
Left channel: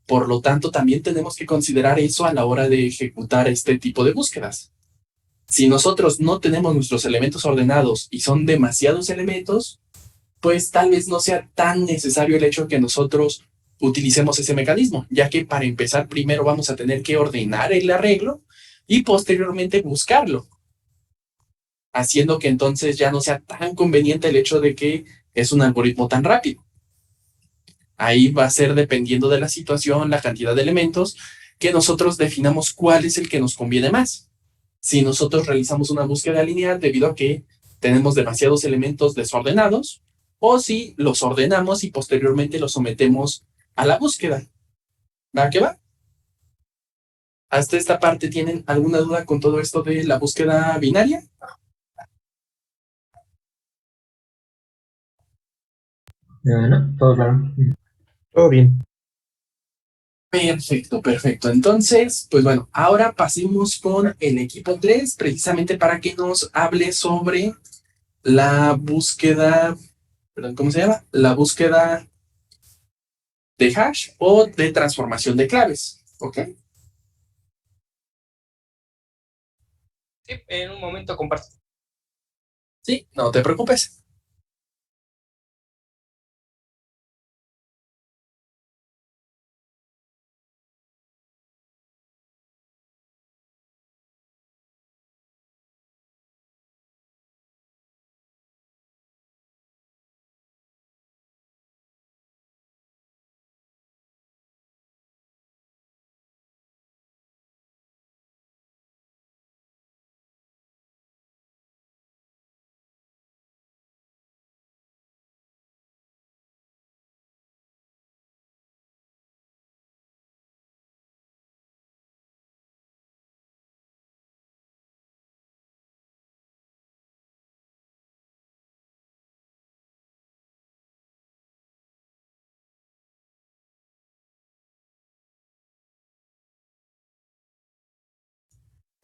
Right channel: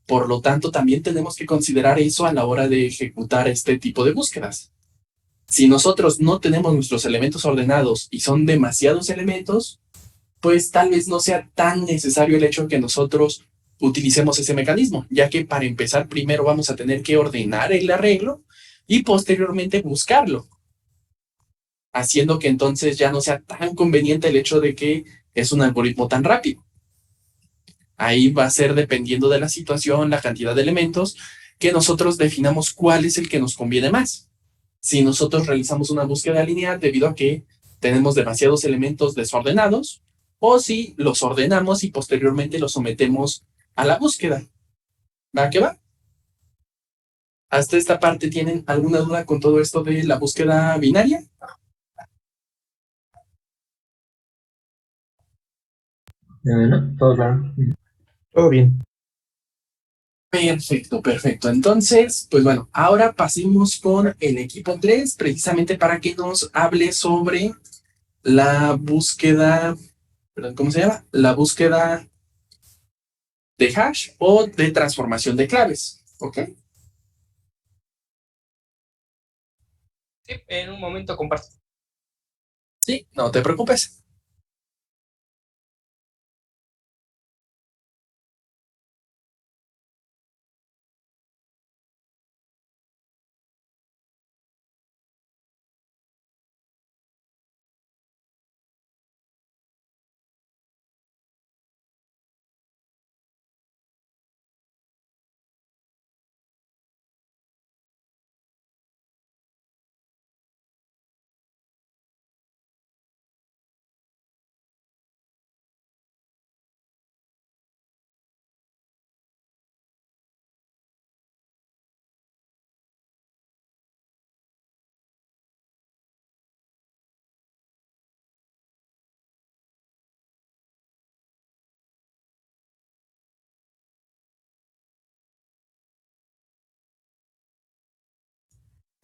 Por lo tanto, también tenemos que considerar eso a la hora de ejecutar este tipo de búsquedas. Si nosotros no tenemos nuestros elementos ordenados y son demasiados elementos, pues tal vez no sea tan necesario el hecho de que nosotros utilicemos ese mecanismo, ya que para empezar primero vamos a tener que ordenar el arreglo y posteriormente buscarlo, haciendo que entonces ya no sea tan conveniente el hecho de que es un algoritmo tan rápido. Ahí va a ser dependiendo de la situación, la cantidad de elementos, que nosotros definamos cuál es el que nos conviene más. Si nosotros realizamos una búsqueda lineal debido a que tenemos demasiados elementos desordenados, o si los ordenamos y posteriormente los sometemos a la búsqueda. ¿Va que va? ¿Hasta esta parte tienen alguna duda con todo esto de la búsqueda binaria? No, todo claro. Todo bien. Perfecto, perfecto. Entonces, pues bueno, ahora pasemos con el equipo 3, precisamente para que nos hable sobre la búsqueda, perdón, ¿cómo se llama? La búsqueda de hash o de transformación de claves, ¿ok? Sí, en un momento comparto. Sí, no te preocupes.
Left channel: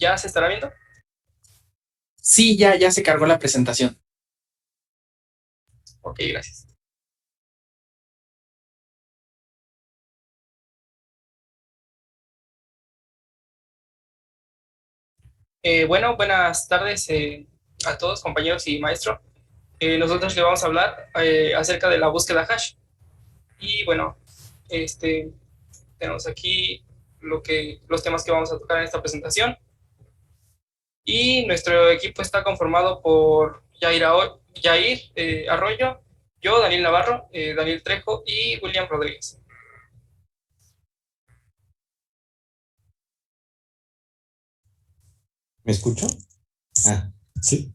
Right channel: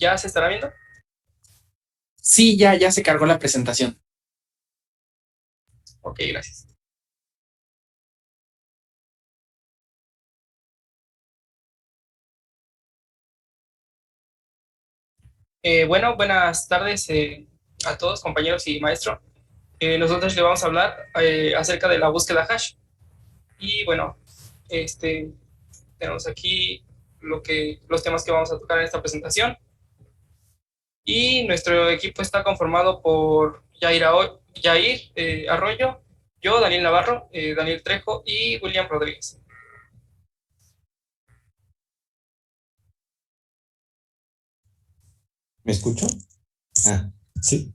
¿Ya se estará viendo? Sí, ya se cargó la presentación. Ok, gracias. Bueno, buenas tardes a todos, compañeros y maestro. Nosotros le vamos a hablar acerca de la búsqueda hash. Y bueno, tenemos aquí los temas que vamos a tocar en esta presentación. Y nuestro equipo está conformado por Yair Arroyo, yo, Daniel Navarro, Daniel Trejo y William Rodríguez. ¿Me escucho? Ah, sí.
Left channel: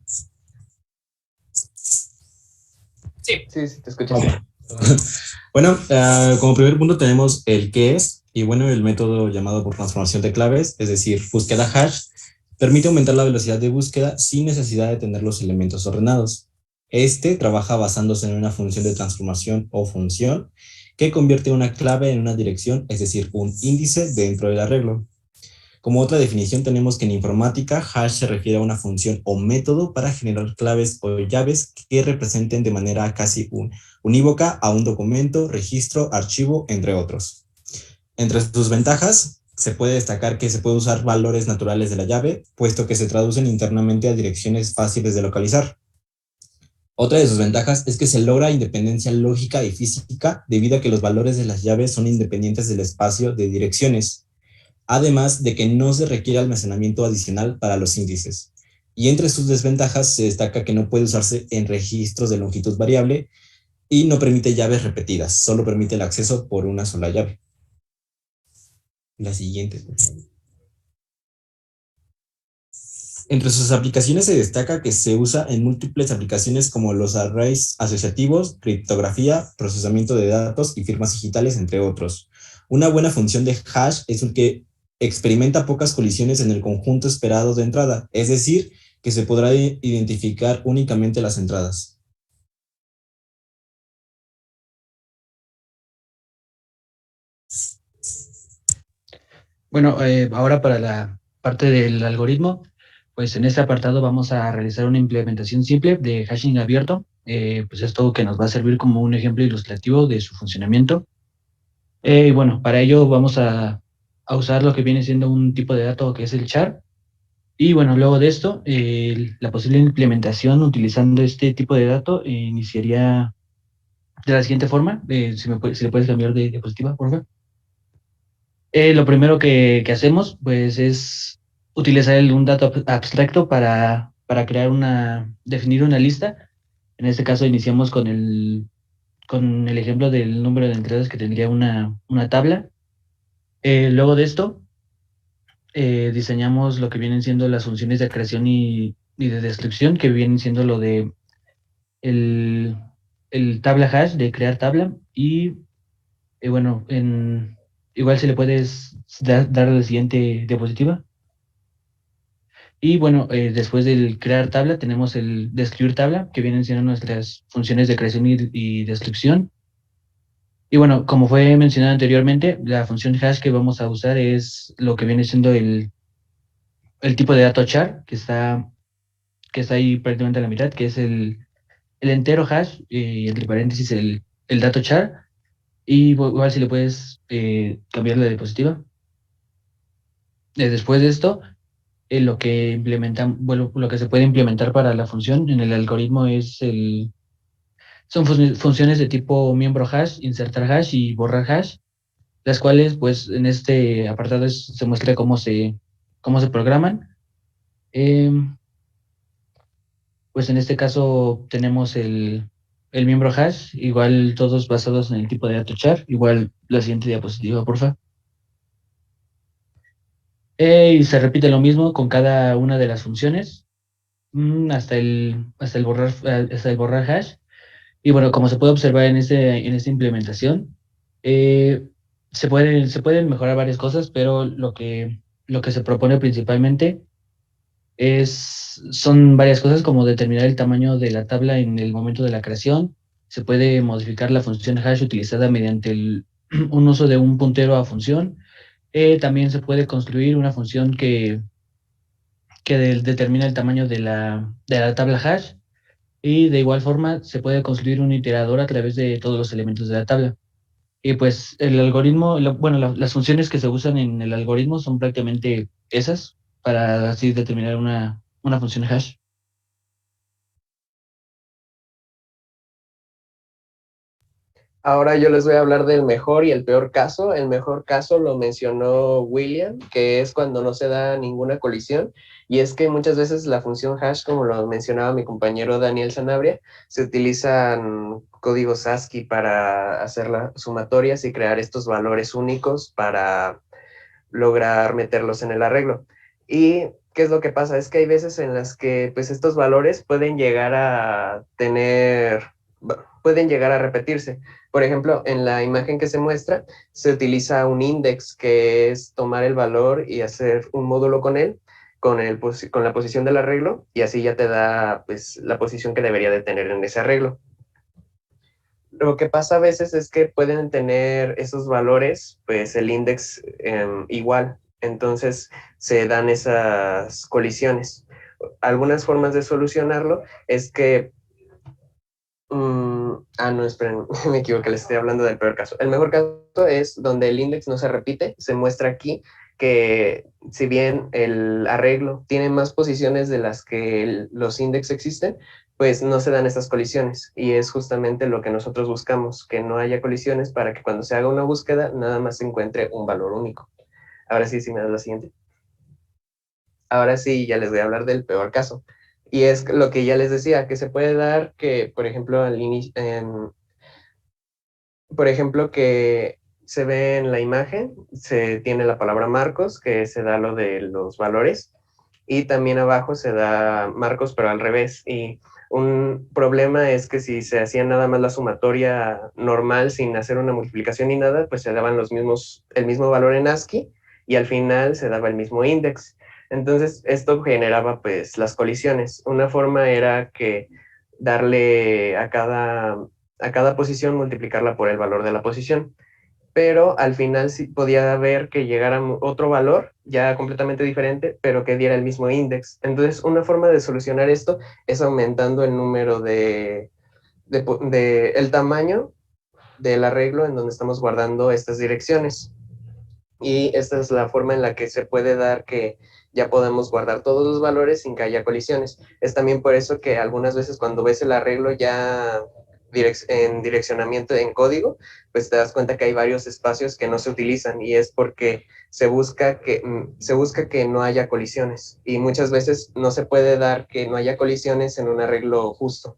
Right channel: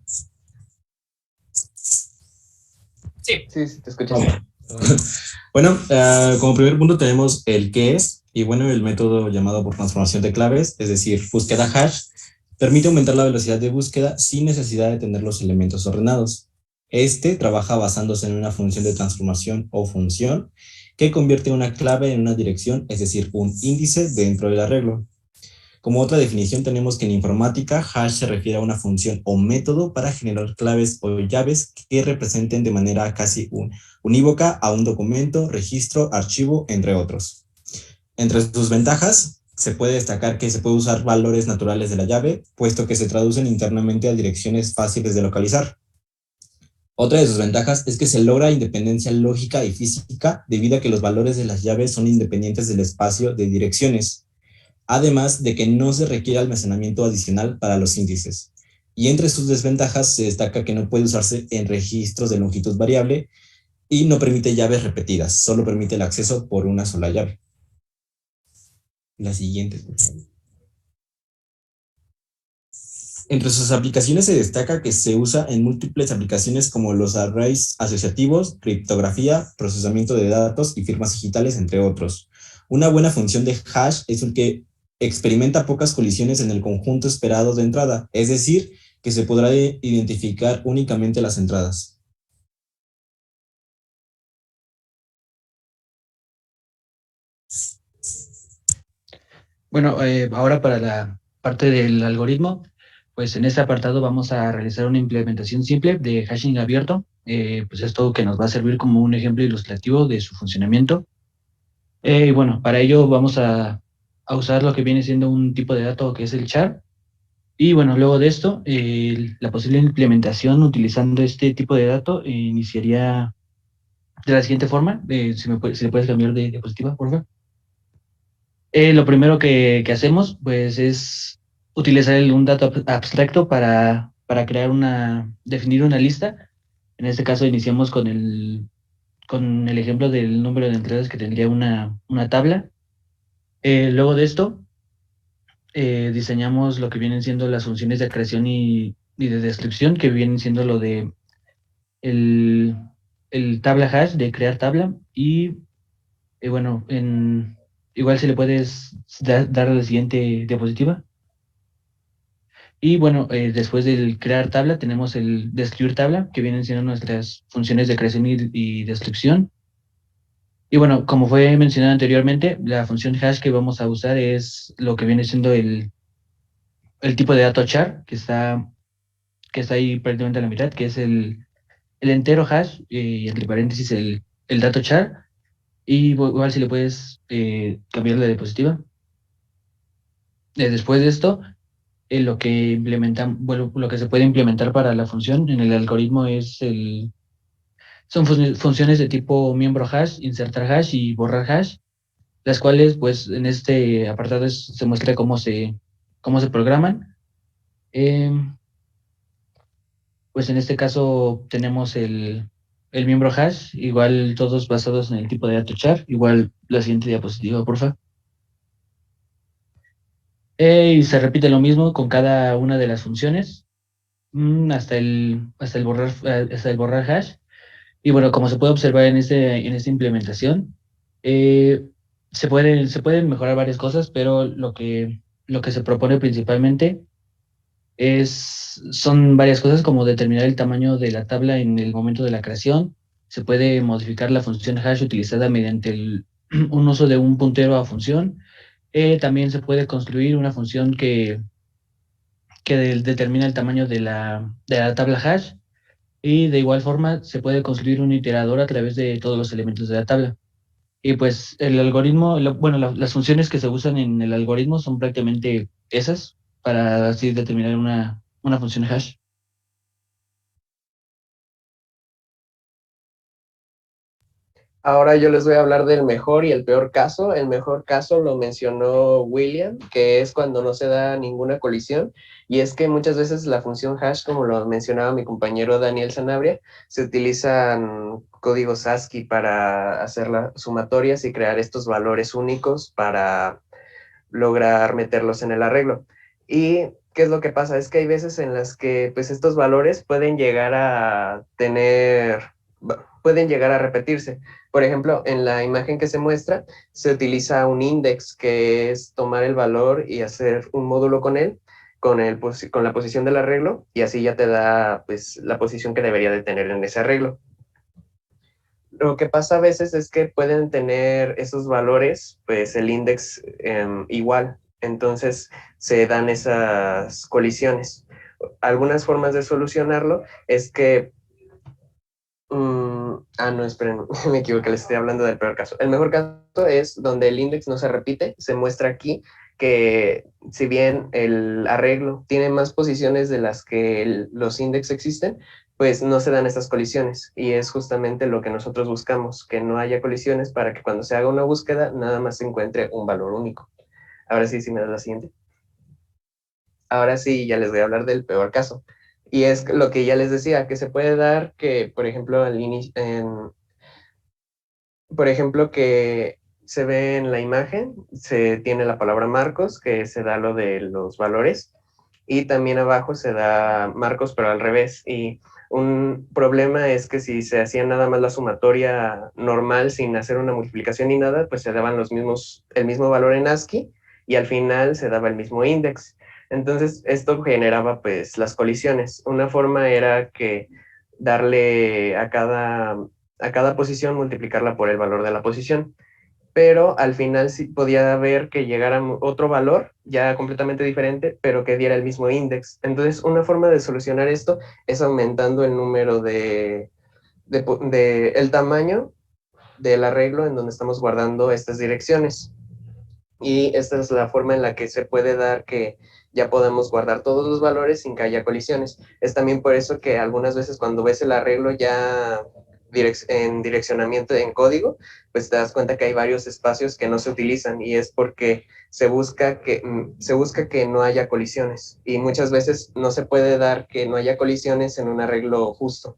Sí, Sí, te escuchas. Bueno, como primer punto tenemos el qué es, y bueno, el método llamado por transformación de claves, es decir, búsqueda hash, permite aumentar la velocidad de búsqueda sin necesidad de tener los elementos ordenados. Este trabaja basándose en una función de transformación o función que convierte una clave en una dirección, es decir, un índice dentro del arreglo. Como otra definición tenemos que en informática, hash se refiere a una función o método para generar claves o llaves que representen de manera casi unívoca a un documento, registro, archivo, entre otros. Entre sus ventajas, se puede destacar que se puede usar valores naturales de la llave, puesto que se traducen internamente a direcciones fáciles de localizar. Otra de sus ventajas es que se logra independencia lógica y física debido a que los valores de las llaves son independientes del espacio de direcciones, además de que no se requiere almacenamiento adicional para los índices. Y entre sus desventajas se destaca que no puede usarse en registros de longitud variable y no permite llaves repetidas, solo permite el acceso por una sola llave. La siguiente. Entre sus aplicaciones se destaca que se usa en múltiples aplicaciones como los arrays asociativos, criptografía, procesamiento de datos y firmas digitales, entre otros. Una buena función de hash es el que experimenta pocas colisiones en el conjunto esperado de entrada, es decir, que se podrá identificar únicamente las entradas. Bueno, ahora para la parte del algoritmo, pues en este apartado vamos a realizar una implementación simple de hashing abierto. Pues esto que nos va a servir como un ejemplo ilustrativo de su funcionamiento. Y bueno, para ello vamos a usar lo que viene siendo un tipo de dato que es el char. Y bueno, luego de esto, la posible implementación utilizando este tipo de dato iniciaría de la siguiente forma. Si le puedes cambiar de diapositiva, por favor. Lo primero que hacemos, pues, es utilizar un dato abstracto para definir una lista. En este caso, iniciamos con el ejemplo del número de entradas que tendría una tabla. Luego de esto, diseñamos lo que vienen siendo las funciones de creación y de descripción, que vienen siendo lo de el, el tabla hash, de crear tabla. Y bueno, igual si le puedes dar a la siguiente diapositiva. Y bueno, después del crear tabla, tenemos el describir tabla, que vienen siendo nuestras funciones de creación y descripción. Y bueno, como fue mencionado anteriormente, la función hash que vamos a usar es lo que viene siendo el tipo de dato char, que está ahí prácticamente a la mitad, que es el entero hash y entre paréntesis el dato char. Y igual si le puedes cambiar la diapositiva. Después de esto, lo que se puede implementar para la función en el algoritmo son funciones de tipo miembro hash, insertar hash y borrar hash, las cuales pues en este apartado se muestra cómo se programan. Pues en este caso tenemos el miembro hash, igual todos basados en el tipo de dato char, igual la siguiente diapositiva, por favor. Y se repite lo mismo con cada una de las funciones, hasta el borrar hash. Y bueno, como se puede observar en esta implementación, eh, se pueden mejorar varias cosas, pero lo que se propone principalmente son varias cosas como determinar el tamaño de la tabla en el momento de la creación. Se puede modificar la función hash utilizada mediante un uso de un puntero a función. También se puede construir una función que determina el tamaño de la tabla hash. Y de igual forma se puede construir un iterador a través de todos los elementos de la tabla. Y pues el algoritmo, las funciones que se usan en el algoritmo son prácticamente esas para así determinar una función hash. Ahora yo les voy a hablar del mejor y el peor caso. El mejor caso lo mencionó William, que es cuando no se da ninguna colisión. Y es que muchas veces la función hash, como lo mencionaba mi compañero Daniel Sanabria, se utilizan códigos ASCII para hacer las sumatorias y crear estos valores únicos para lograr meterlos en el arreglo. ¿Y qué es lo que pasa? Es que hay veces en las que pues estos valores pueden llegar a pueden llegar a repetirse. Por ejemplo, en la imagen que se muestra, se utiliza un index, que es tomar el valor y hacer un módulo con él, con la posición del arreglo, y así ya te da pues, la posición que debería de tener en ese arreglo. Lo que pasa a veces es que pueden tener esos valores, pues el index igual, entonces se dan esas colisiones. Algunas formas de solucionarlo es que no, esperen, me equivoqué, les estoy hablando del peor caso. El mejor caso es donde el index no se repite. Se muestra aquí que si bien el arreglo tiene más posiciones de las que los index existen, pues no se dan estas colisiones y es justamente lo que nosotros buscamos, que no haya colisiones para que cuando se haga una búsqueda nada más se encuentre un valor único. Ahora sí, si me das la siguiente. Ahora sí, ya les voy a hablar del peor caso. Y es lo que ya les decía, que se puede dar que, por ejemplo, por ejemplo, que se ve en la imagen, se tiene la palabra Marcos, que se da lo de los valores, y también abajo se da Marcos, pero al revés. Y un problema es que si se hacía nada más la sumatoria normal sin hacer una multiplicación ni nada, pues se daban el mismo valor en ASCII y al final se daba el mismo index. Entonces, esto generaba pues las colisiones. Una forma era que darle a cada posición, multiplicarla por el valor de la posición. Pero al final sí podía ver que llegara otro valor ya completamente diferente, pero que diera el mismo index. Entonces, una forma de solucionar esto es aumentando el número el tamaño del arreglo en donde estamos guardando estas direcciones. Y esta es la forma en la que se puede dar que ya podamos guardar todos los valores sin que haya colisiones. Es también por eso que algunas veces cuando ves el arreglo ya en direccionamiento en código, pues te das cuenta que hay varios espacios que no se utilizan y es porque se busca que no haya colisiones y muchas veces no se puede dar que no haya colisiones en un arreglo justo.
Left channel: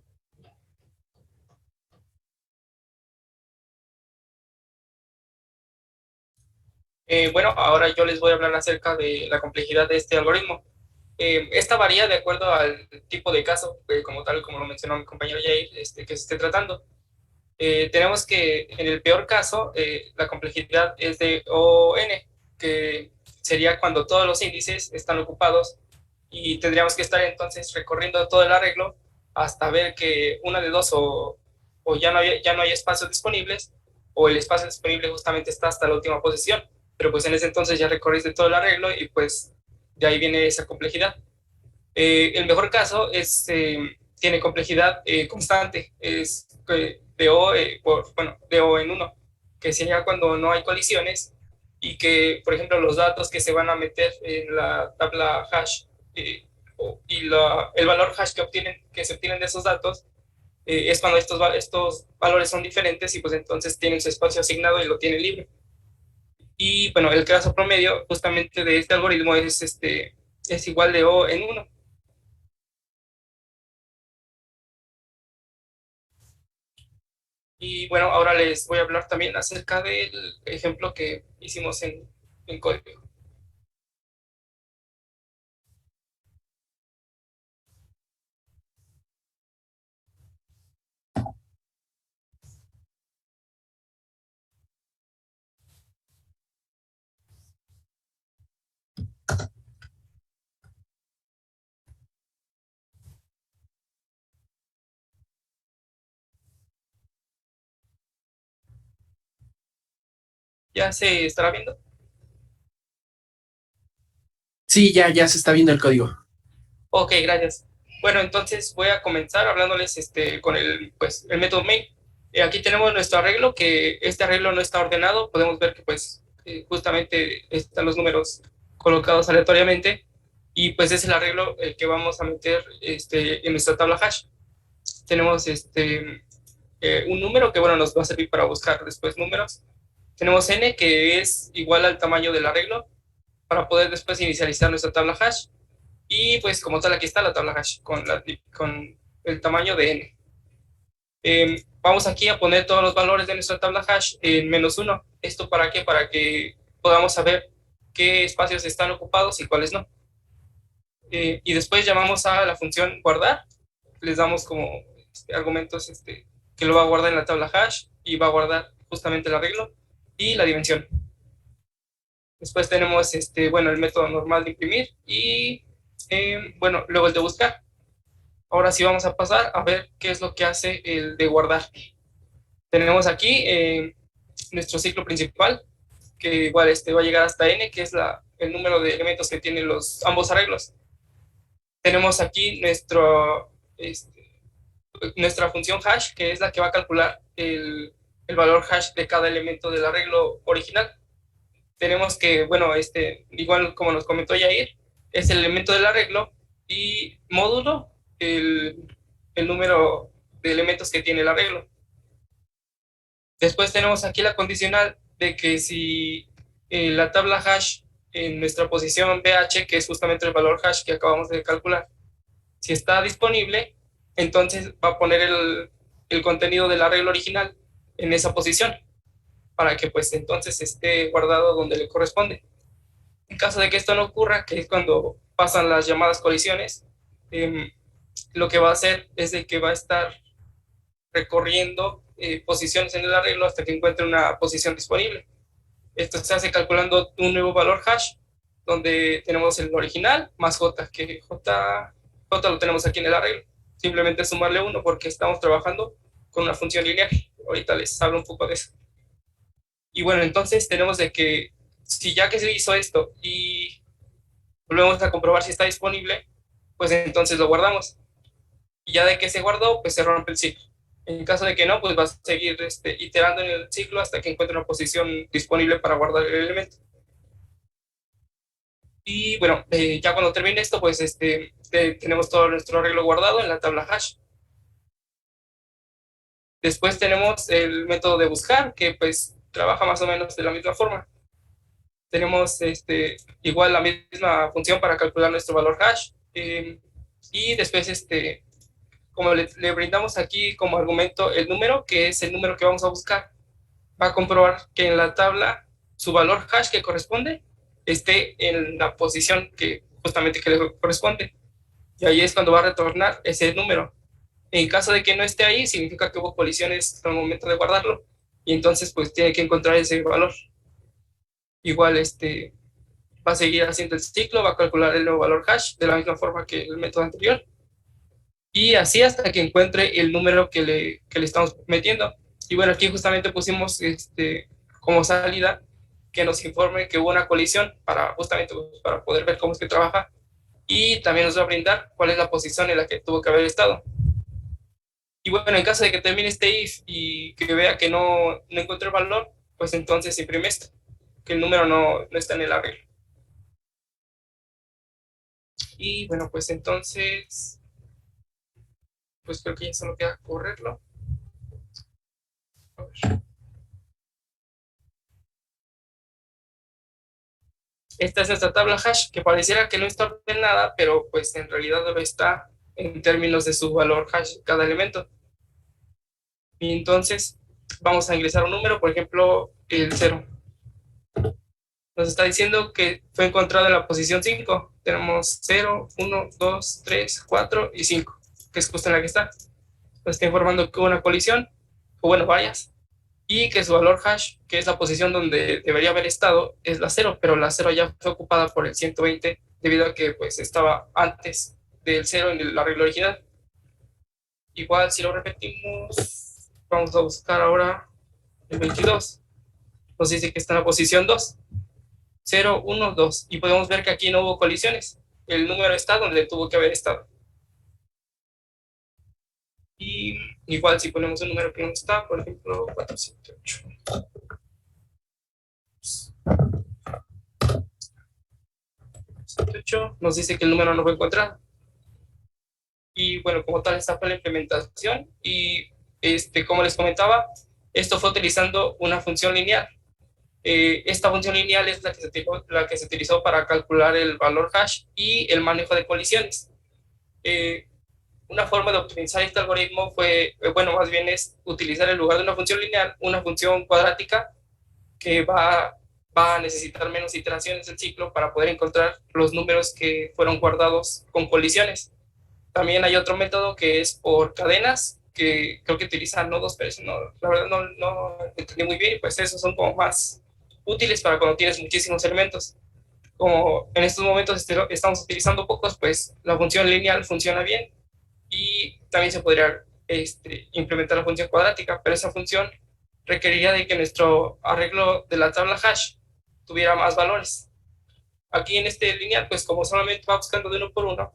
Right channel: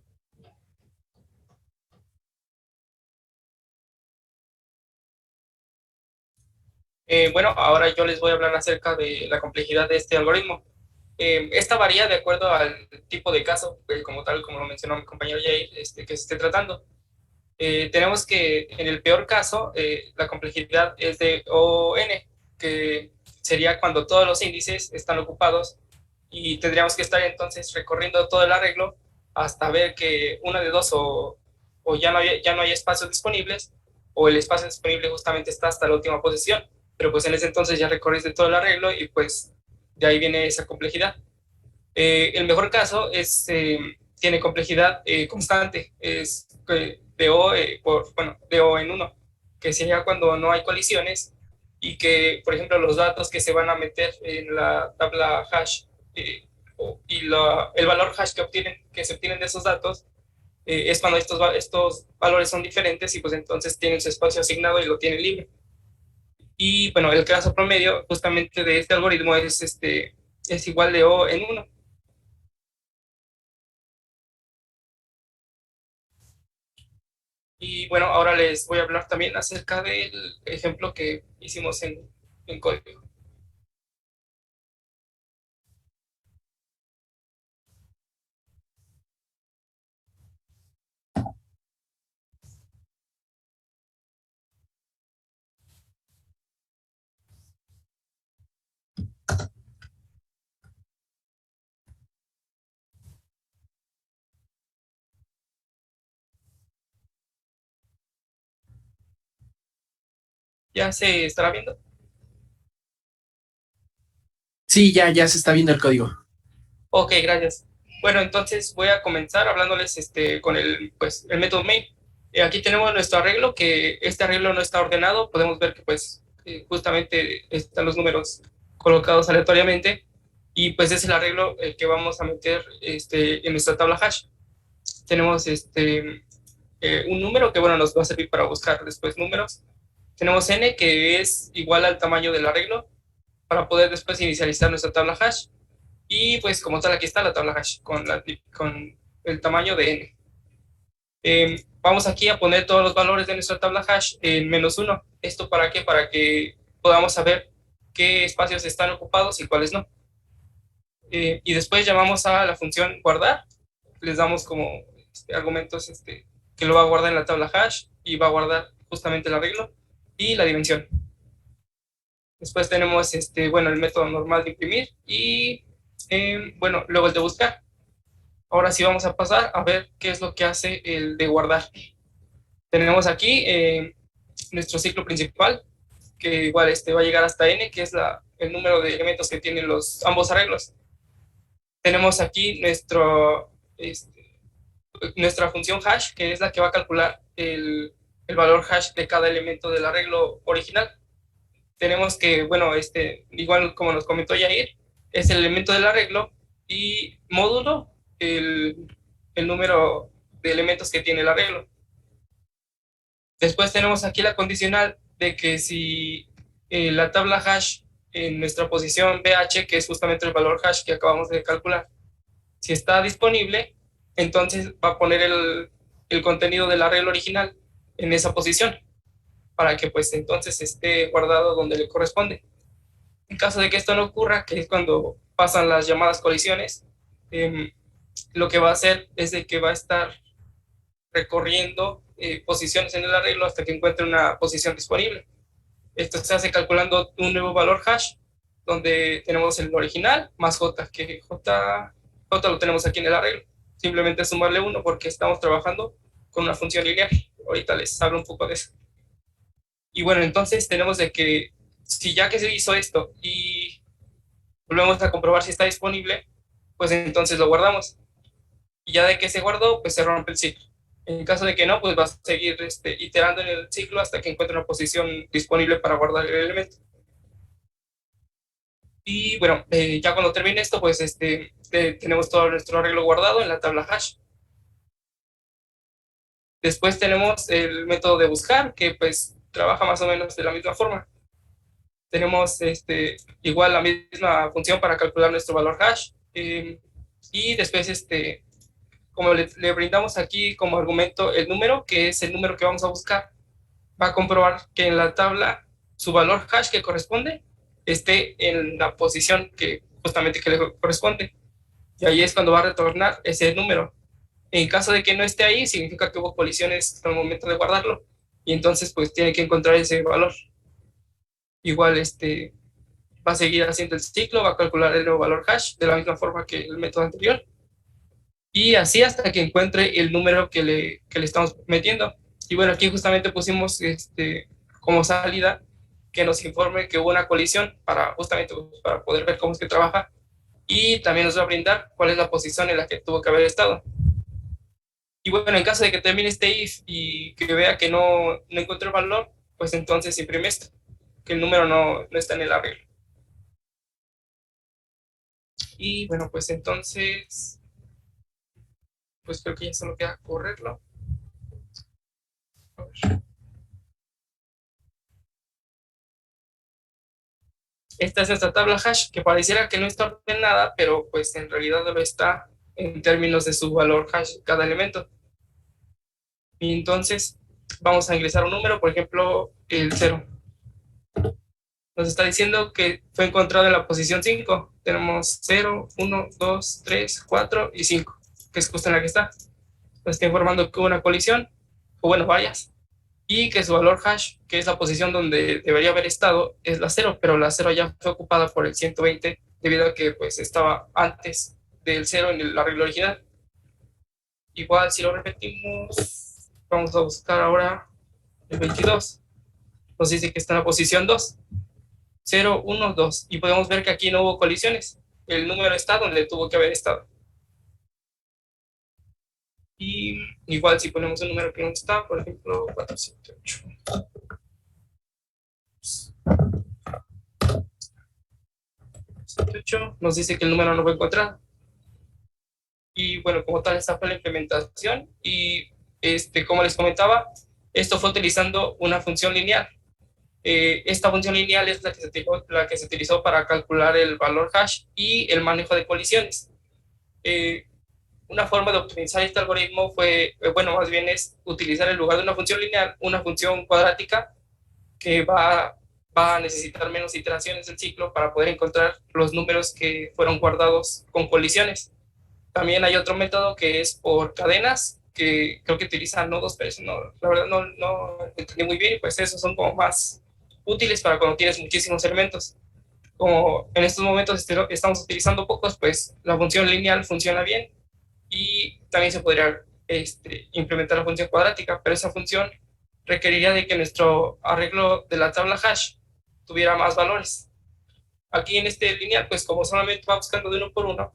Bueno, ahora yo les voy a hablar acerca de la complejidad de este algoritmo. Esta varía de acuerdo al tipo de caso, como tal, como lo mencionó mi compañero Jair, que se esté tratando. Tenemos que en el peor caso, la complejidad es de ON, que sería cuando todos los índices están ocupados y tendríamos que estar entonces recorriendo todo el arreglo hasta ver que una de dos o ya no hay espacios disponibles o el espacio disponible justamente está hasta la última posición, pero pues en ese entonces ya recorriste todo el arreglo y pues de ahí viene esa complejidad. El mejor caso tiene complejidad constante, es de O, de O en uno, que sería cuando no hay colisiones y que, por ejemplo, los datos que se van a meter en la tabla hash el valor hash que se obtienen de esos datos es cuando estos valores son diferentes y pues entonces tienen su espacio asignado y lo tienen libre. Y bueno, el caso promedio justamente de este algoritmo es igual de O en uno. Y bueno, ahora les voy a hablar también acerca del ejemplo que hicimos en código. ¿Ya se estará viendo? Sí, ya se está viendo el código. Ok, gracias. Bueno, entonces voy a comenzar hablándoles con el método main. Aquí tenemos nuestro arreglo, que este arreglo no está ordenado. Podemos ver que pues justamente están los números colocados aleatoriamente y pues es el arreglo el que vamos a meter en nuestra tabla hash. Tenemos un número que bueno nos va a servir para buscar después números. Tenemos n que es igual al tamaño del arreglo para poder después inicializar nuestra tabla hash. Y pues como tal aquí está la tabla hash con el tamaño de n. Vamos aquí a poner todos los valores de nuestra tabla hash en -1. ¿Esto para qué? Para que podamos saber qué espacios están ocupados y cuáles no. Y después llamamos a la función guardar. Les damos como argumentos que lo va a guardar en la tabla hash y va a guardar justamente el arreglo y la dimensión. Después tenemos el método normal de imprimir y luego el de buscar. Ahora sí vamos a pasar a ver qué es lo que hace el de guardar. Tenemos aquí nuestro ciclo principal, que igual va a llegar hasta n, que es el número de elementos que tienen ambos arreglos. Tenemos aquí nuestra función hash, que es la que va a calcular el valor hash de cada elemento del arreglo original. Tenemos que, igual como nos comentó Yair, es el elemento del arreglo y módulo, el el número de elementos que tiene el arreglo. Después tenemos aquí la condicional de que si la tabla hash en nuestra posición BH, que es justamente el valor hash que acabamos de calcular, si está disponible, entonces va a poner el contenido del arreglo original en esa posición, para que pues entonces esté guardado donde le corresponde. En caso de que esto no ocurra, que es cuando pasan las llamadas colisiones, lo que va a hacer es de que va a estar recorriendo posiciones en el arreglo hasta que encuentre una posición disponible. Esto se hace calculando un nuevo valor hash, donde tenemos el original más j, que j lo tenemos aquí en el arreglo. Simplemente sumarle 1 porque estamos trabajando con una función lineal. Ahorita les hablo un poco de eso. Y bueno, entonces tenemos de que si ya que se hizo esto y volvemos a comprobar si está disponible, pues entonces lo guardamos. Y ya de que se guardó, pues se rompe el ciclo. En caso de que no, pues va a seguir iterando en el ciclo hasta que encuentre una posición disponible para guardar el elemento. Y bueno, ya cuando termine esto, pues tenemos todo nuestro arreglo guardado en la tabla hash. Después tenemos el método de buscar, que pues trabaja más o menos de la misma forma. Tenemos igual la misma función para calcular nuestro valor hash. Y después, como le brindamos aquí como argumento el número, que es el número que vamos a buscar, va a comprobar que en la tabla su valor hash que corresponde esté en la posición que justamente que le corresponde. Y ahí es cuando va a retornar ese número. En caso de que no esté ahí, significa que hubo colisiones al momento de guardarlo. Y entonces, pues, tiene que encontrar ese valor. Igual, va a seguir haciendo el ciclo, va a calcular el nuevo valor hash de la misma forma que el método anterior. Y así hasta que encuentre el número que le estamos metiendo. Y bueno, aquí justamente pusimos como salida que nos informe que hubo una colisión para justamente para poder ver cómo es que trabaja. Y también nos va a brindar cuál es la posición en la que tuvo que haber estado. Y bueno, en caso de que termine este if y que vea que no encuentre el valor, pues entonces imprime esto, que el número no está en el arreglo. Y bueno, pues entonces, pues creo que ya solo queda correrlo. A ver. Esta es nuestra tabla hash, que pareciera que no está ordenada, pero pues en realidad lo está en términos de su valor hash cada elemento. Y entonces vamos a ingresar un número, por ejemplo, el 0. Nos está diciendo que fue encontrado en la posición 5. Tenemos 0, 1, 2, 3, 4 y 5, que es justo en la que está. Nos está informando que hubo una colisión, o bueno, varias, y que su valor hash, que es la posición donde debería haber estado, es la 0, pero la 0 ya fue ocupada por el 120 debido a que pues estaba antes del 0 en el arreglo original. Igual si lo repetimos, vamos a buscar ahora el 22. Nos dice que está en la posición 2. 0, 1, 2. Y podemos ver que aquí no hubo colisiones. El número está donde tuvo que haber estado. Y igual si ponemos un número que no está, por ejemplo, 478. Nos dice que el número no fue encontrado. Y bueno, como tal, esta fue la implementación. Y como les comentaba, esto fue utilizando una función lineal. Esta función lineal es la que se utilizó para calcular el valor hash y el manejo de colisiones. Una forma de optimizar este algoritmo fue, bueno, más bien es utilizar en lugar de una función lineal, una función cuadrática que va a necesitar menos iteraciones del ciclo para poder encontrar los números que fueron guardados con colisiones. También hay otro método que es por cadenas, que creo que utilizan nodos, pero eso no, la verdad no entendí muy bien, y pues esos son como más útiles para cuando tienes muchísimos elementos. Como en estos momentos estamos utilizando pocos, pues la función lineal funciona bien, y también se podría implementar la función cuadrática, pero esa función requeriría de que nuestro arreglo de la tabla hash tuviera más valores. Aquí en este lineal, pues como solamente va buscando de uno por uno,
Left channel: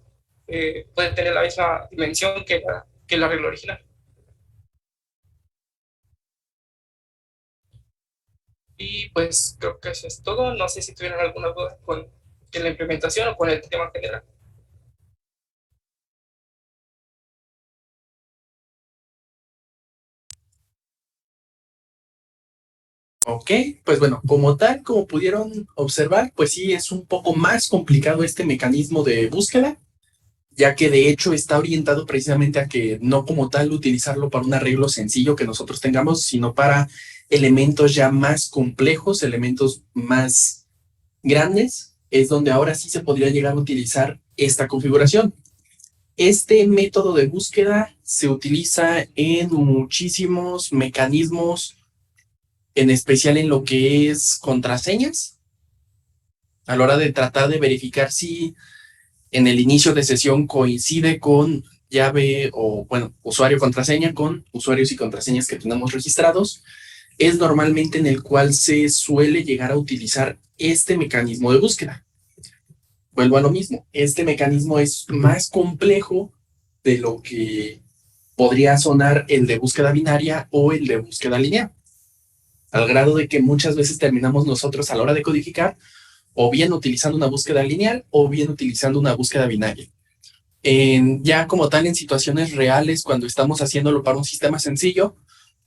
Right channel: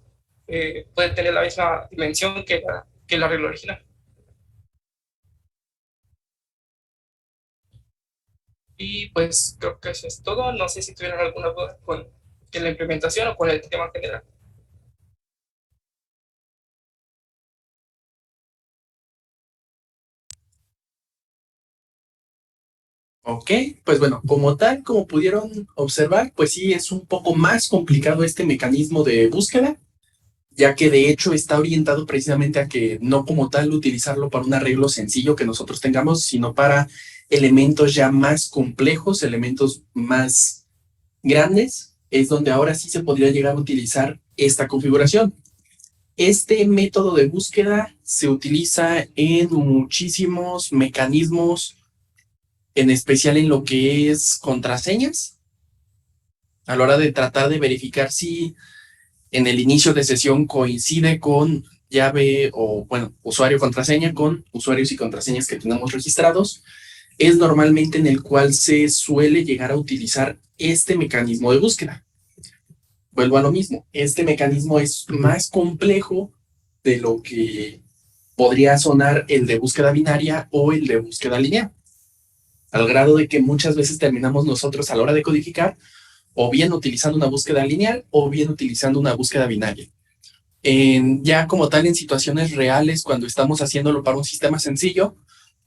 puede tener la misma dimensión que el arreglo original. Y pues creo que eso es todo. No sé si tuvieran alguna duda con la implementación o con el tema general. Ok, pues bueno, como tal, como pudieron observar, pues sí es un poco más complicado este mecanismo de búsqueda, ya que de hecho está orientado precisamente a que no como tal utilizarlo para un arreglo sencillo que nosotros tengamos, sino para elementos ya más complejos, elementos más grandes, es donde ahora sí se podría llegar a utilizar esta configuración. Este método de búsqueda se utiliza en muchísimos mecanismos, en especial en lo que es contraseñas, a la hora de tratar de verificar si en el inicio de sesión coincide con llave o, bueno, usuario contraseña con usuarios y contraseñas que tenemos registrados, es normalmente en el cual se suele llegar a utilizar este mecanismo de búsqueda. Vuelvo a lo mismo, este mecanismo es más complejo de lo que podría sonar el de búsqueda binaria o el de búsqueda lineal, al grado de que muchas veces terminamos nosotros a la hora de codificar o bien utilizando una búsqueda lineal o bien utilizando una búsqueda binaria. Ya como tal, en situaciones reales, cuando estamos haciéndolo para un sistema sencillo,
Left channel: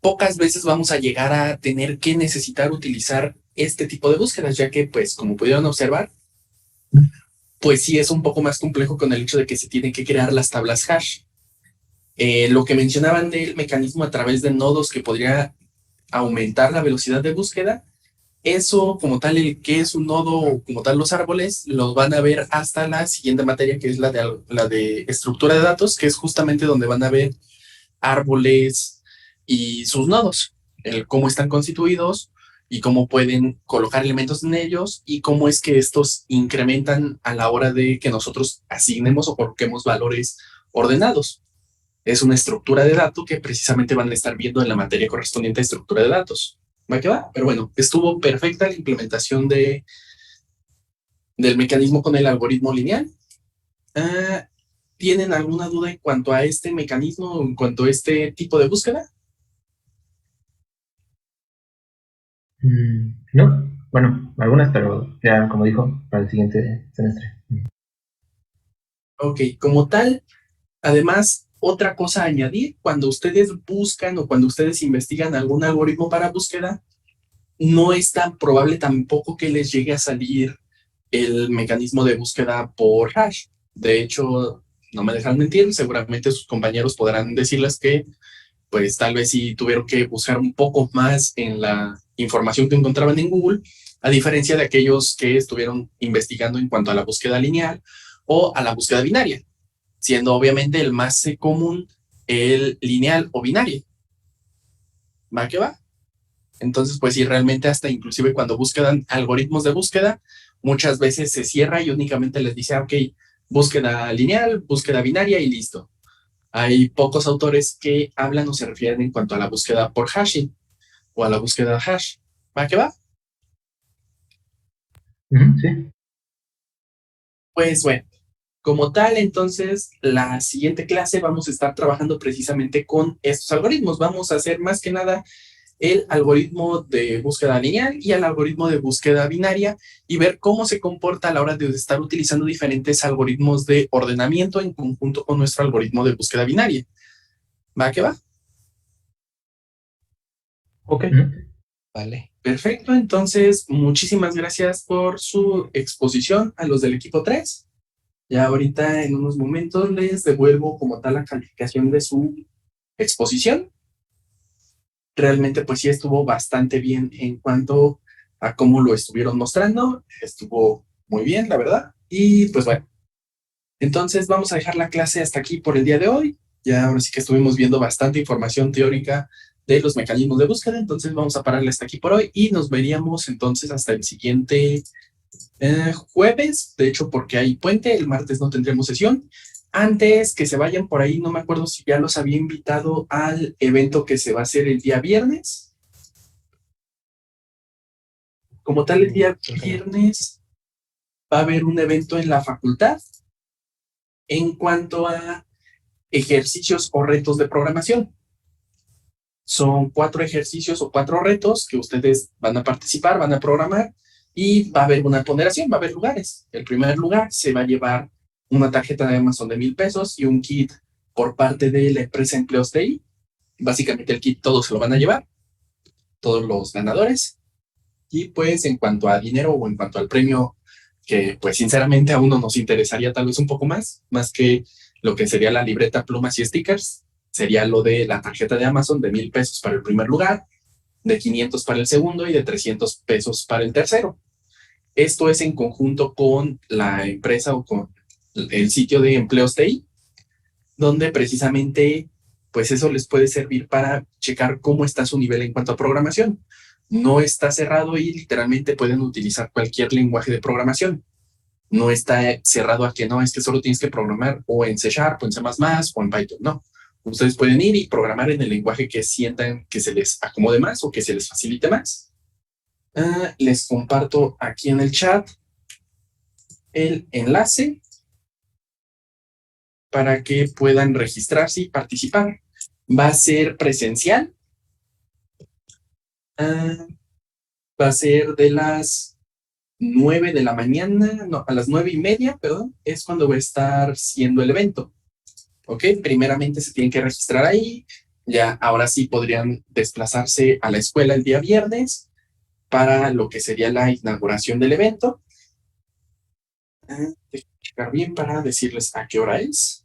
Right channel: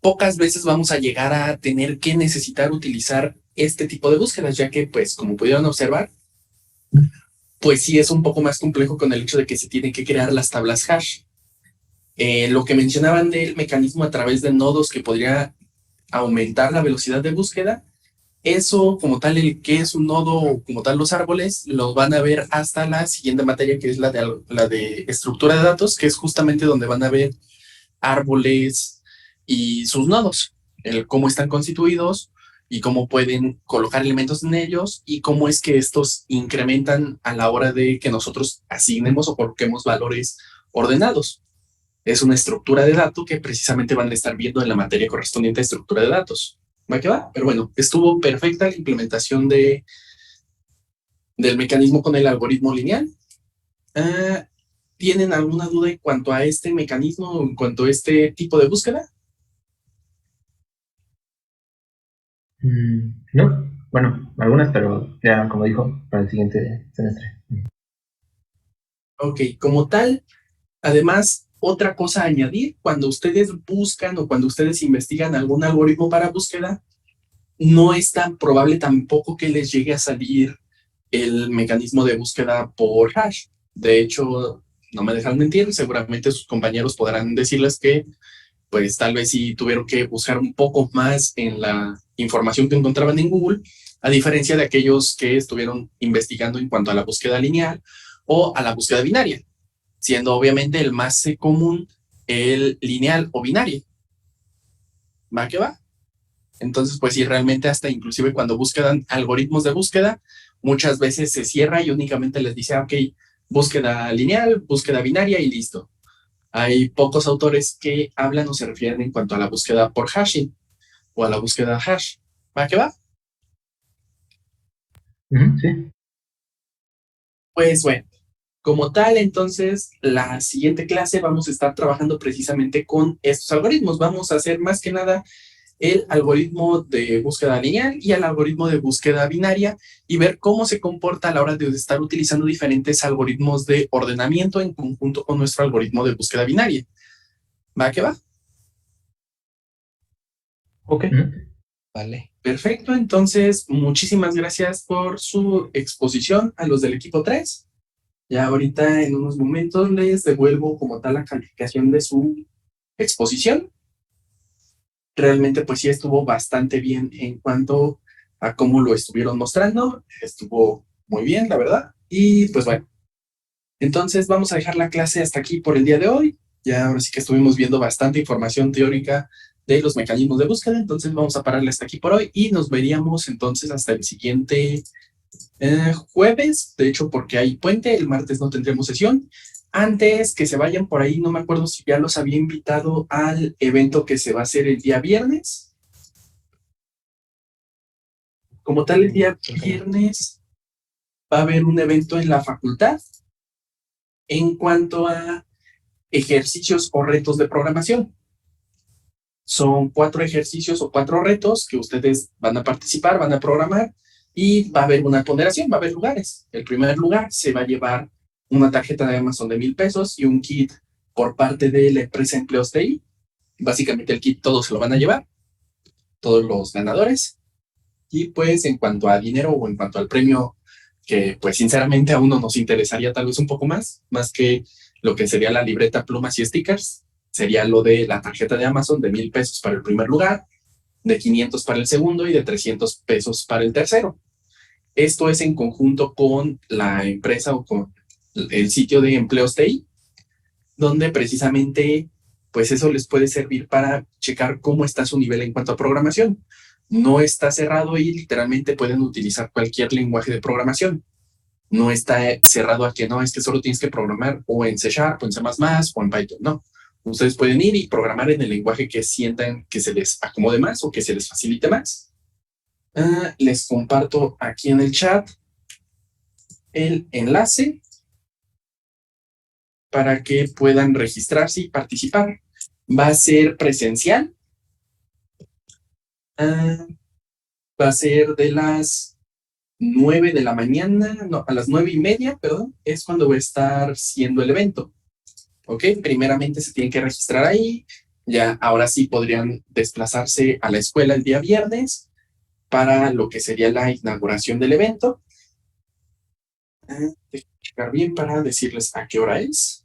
pocas veces vamos a llegar a tener que necesitar utilizar este tipo de búsquedas, ya que, pues, como pudieron observar, pues sí es un poco más complejo con el hecho de que se tienen que crear las tablas hash. Lo que mencionaban del mecanismo a través de nodos que podría aumentar la velocidad de búsqueda, eso como tal, el que es un nodo o como tal los árboles, los van a ver hasta la siguiente materia, que es la de estructura de datos, que es justamente donde van a ver árboles y sus nodos, el cómo están constituidos y cómo pueden colocar elementos en ellos y cómo es que estos incrementan a la hora de que nosotros asignemos o coloquemos valores ordenados. Es una estructura de datos que precisamente van a estar viendo en la materia correspondiente a estructura de datos. ¿Va que va? Pero bueno, estuvo perfecta la implementación del mecanismo con el algoritmo lineal. ¿Tienen alguna duda en cuanto a este mecanismo, en cuanto a este tipo de búsqueda? No, bueno, algunas, pero ya como dijo, para el siguiente semestre. Ok, como tal, además, otra cosa a añadir, cuando ustedes buscan o cuando ustedes investigan algún algoritmo para búsqueda, no es tan probable tampoco que les llegue a salir el mecanismo de búsqueda por hash. De hecho, no me dejan mentir, seguramente sus compañeros podrán decirles que pues tal vez sí tuvieron que buscar un poco más en la información que encontraban en Google, a diferencia de aquellos que estuvieron investigando en cuanto a la búsqueda lineal o a la búsqueda binaria, siendo obviamente el más común el lineal o binario. ¿Va que va? Entonces, pues sí, realmente hasta inclusive cuando buscan algoritmos de búsqueda, muchas veces se cierra y únicamente les dice, ok, búsqueda lineal, búsqueda binaria y listo. Hay pocos autores que hablan o se refieren en cuanto a la búsqueda por hashing o a la búsqueda hash. ¿Va que va? Sí. Pues bueno, como tal, entonces, la siguiente clase vamos a estar trabajando precisamente con estos algoritmos. Vamos a hacer más que nada el algoritmo de búsqueda lineal y el algoritmo de búsqueda binaria y ver cómo se comporta a la hora de estar utilizando diferentes algoritmos de ordenamiento en conjunto con nuestro algoritmo de búsqueda binaria. ¿Va que va? Ok. Vale. Perfecto, entonces muchísimas gracias por su exposición a los del equipo 3. Ya ahorita en unos momentos les devuelvo como tal la calificación de su exposición. Realmente pues sí estuvo bastante bien en cuanto a cómo lo estuvieron mostrando. Estuvo muy bien, la verdad. Y pues bueno, entonces vamos a dejar la clase hasta aquí por el día de hoy. Ya ahora sí que estuvimos viendo bastante información teórica de los mecanismos de búsqueda, entonces vamos a pararle hasta aquí por hoy y nos veríamos entonces hasta el siguiente jueves, de hecho porque hay puente, el martes no tendremos sesión. Antes que se vayan por ahí, no me acuerdo si ya los había invitado al evento que se va a hacer el día viernes. Como tal, el día viernes va a haber un evento en la facultad en cuanto a ejercicios o retos de programación. Son 4 ejercicios o 4 retos que ustedes van a participar, van a programar y va a haber una ponderación, va a haber lugares. El primer lugar se va a llevar una tarjeta de Amazon de 1,000 pesos y un kit por parte de la empresa Empleos TI. Básicamente el kit todos se lo van a llevar, todos los ganadores. Y pues en cuanto a dinero o en cuanto al premio, que pues sinceramente a uno nos interesaría tal vez un poco más que lo que sería la libreta, plumas y stickers, sería lo de la tarjeta de Amazon de 1,000 pesos para el primer lugar, de 500 para el segundo y de 300 pesos para el tercero. Esto es en conjunto con la empresa o con el sitio de Empleos TI, donde precisamente pues eso les puede servir para checar cómo está su nivel en cuanto a programación. No está cerrado y literalmente pueden utilizar cualquier lenguaje de programación. No está cerrado a que no, es que solo tienes que programar o en C# o en C++ o en Python. No. Ustedes pueden ir y programar en el lenguaje que sientan que se les acomode más o que se les facilite más. Les comparto aquí en el chat el enlace para que puedan registrarse y participar. Va a ser presencial. Va a ser de las 9 de la mañana, no, a las 9:30, perdón, es cuando va a estar siendo el evento. ¿Ok? Primeramente se tienen que registrar ahí. Ya ahora sí podrían desplazarse a la escuela el día viernes para lo que sería la inauguración del evento. Déjenme checar bien para decirles a qué hora es.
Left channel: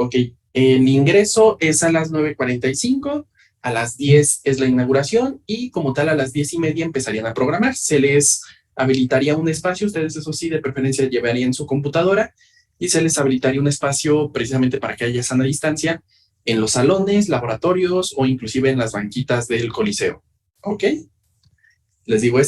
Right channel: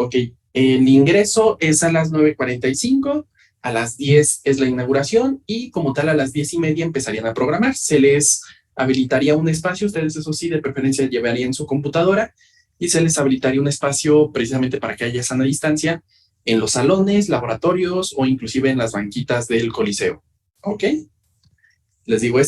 Ok, el ingreso es a las 9:45, a las 10 es la inauguración y como tal a las 10:30 empezarían a programar. Se les habilitaría un espacio, ustedes eso sí, de preferencia llevarían su computadora y se les habilitaría un espacio precisamente para que haya sana distancia en los salones, laboratorios o inclusive en las banquitas del Coliseo. ¿Ok? Les digo,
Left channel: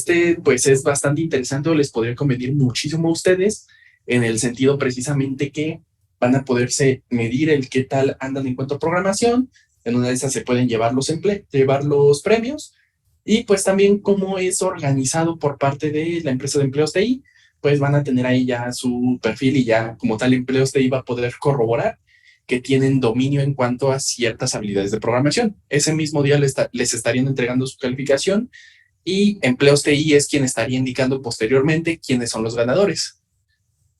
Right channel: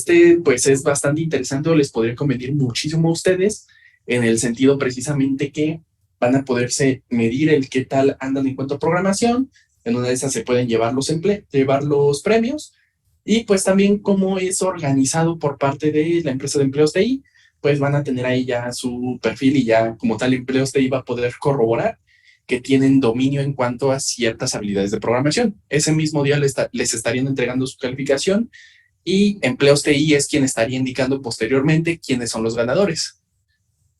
pues es bastante interesante o les podría convenir muchísimo a ustedes en el sentido precisamente que van a poderse medir el qué tal andan en cuanto a programación. En una de esas se pueden llevar los premios y pues también cómo es organizado por parte de la empresa de Empleos TI, pues van a tener ahí ya su perfil y ya como tal Empleos TI va a poder corroborar que tienen dominio en cuanto a ciertas habilidades de programación. Ese mismo día les estarían entregando su calificación y Empleos TI es quien estaría indicando posteriormente quiénes son los ganadores.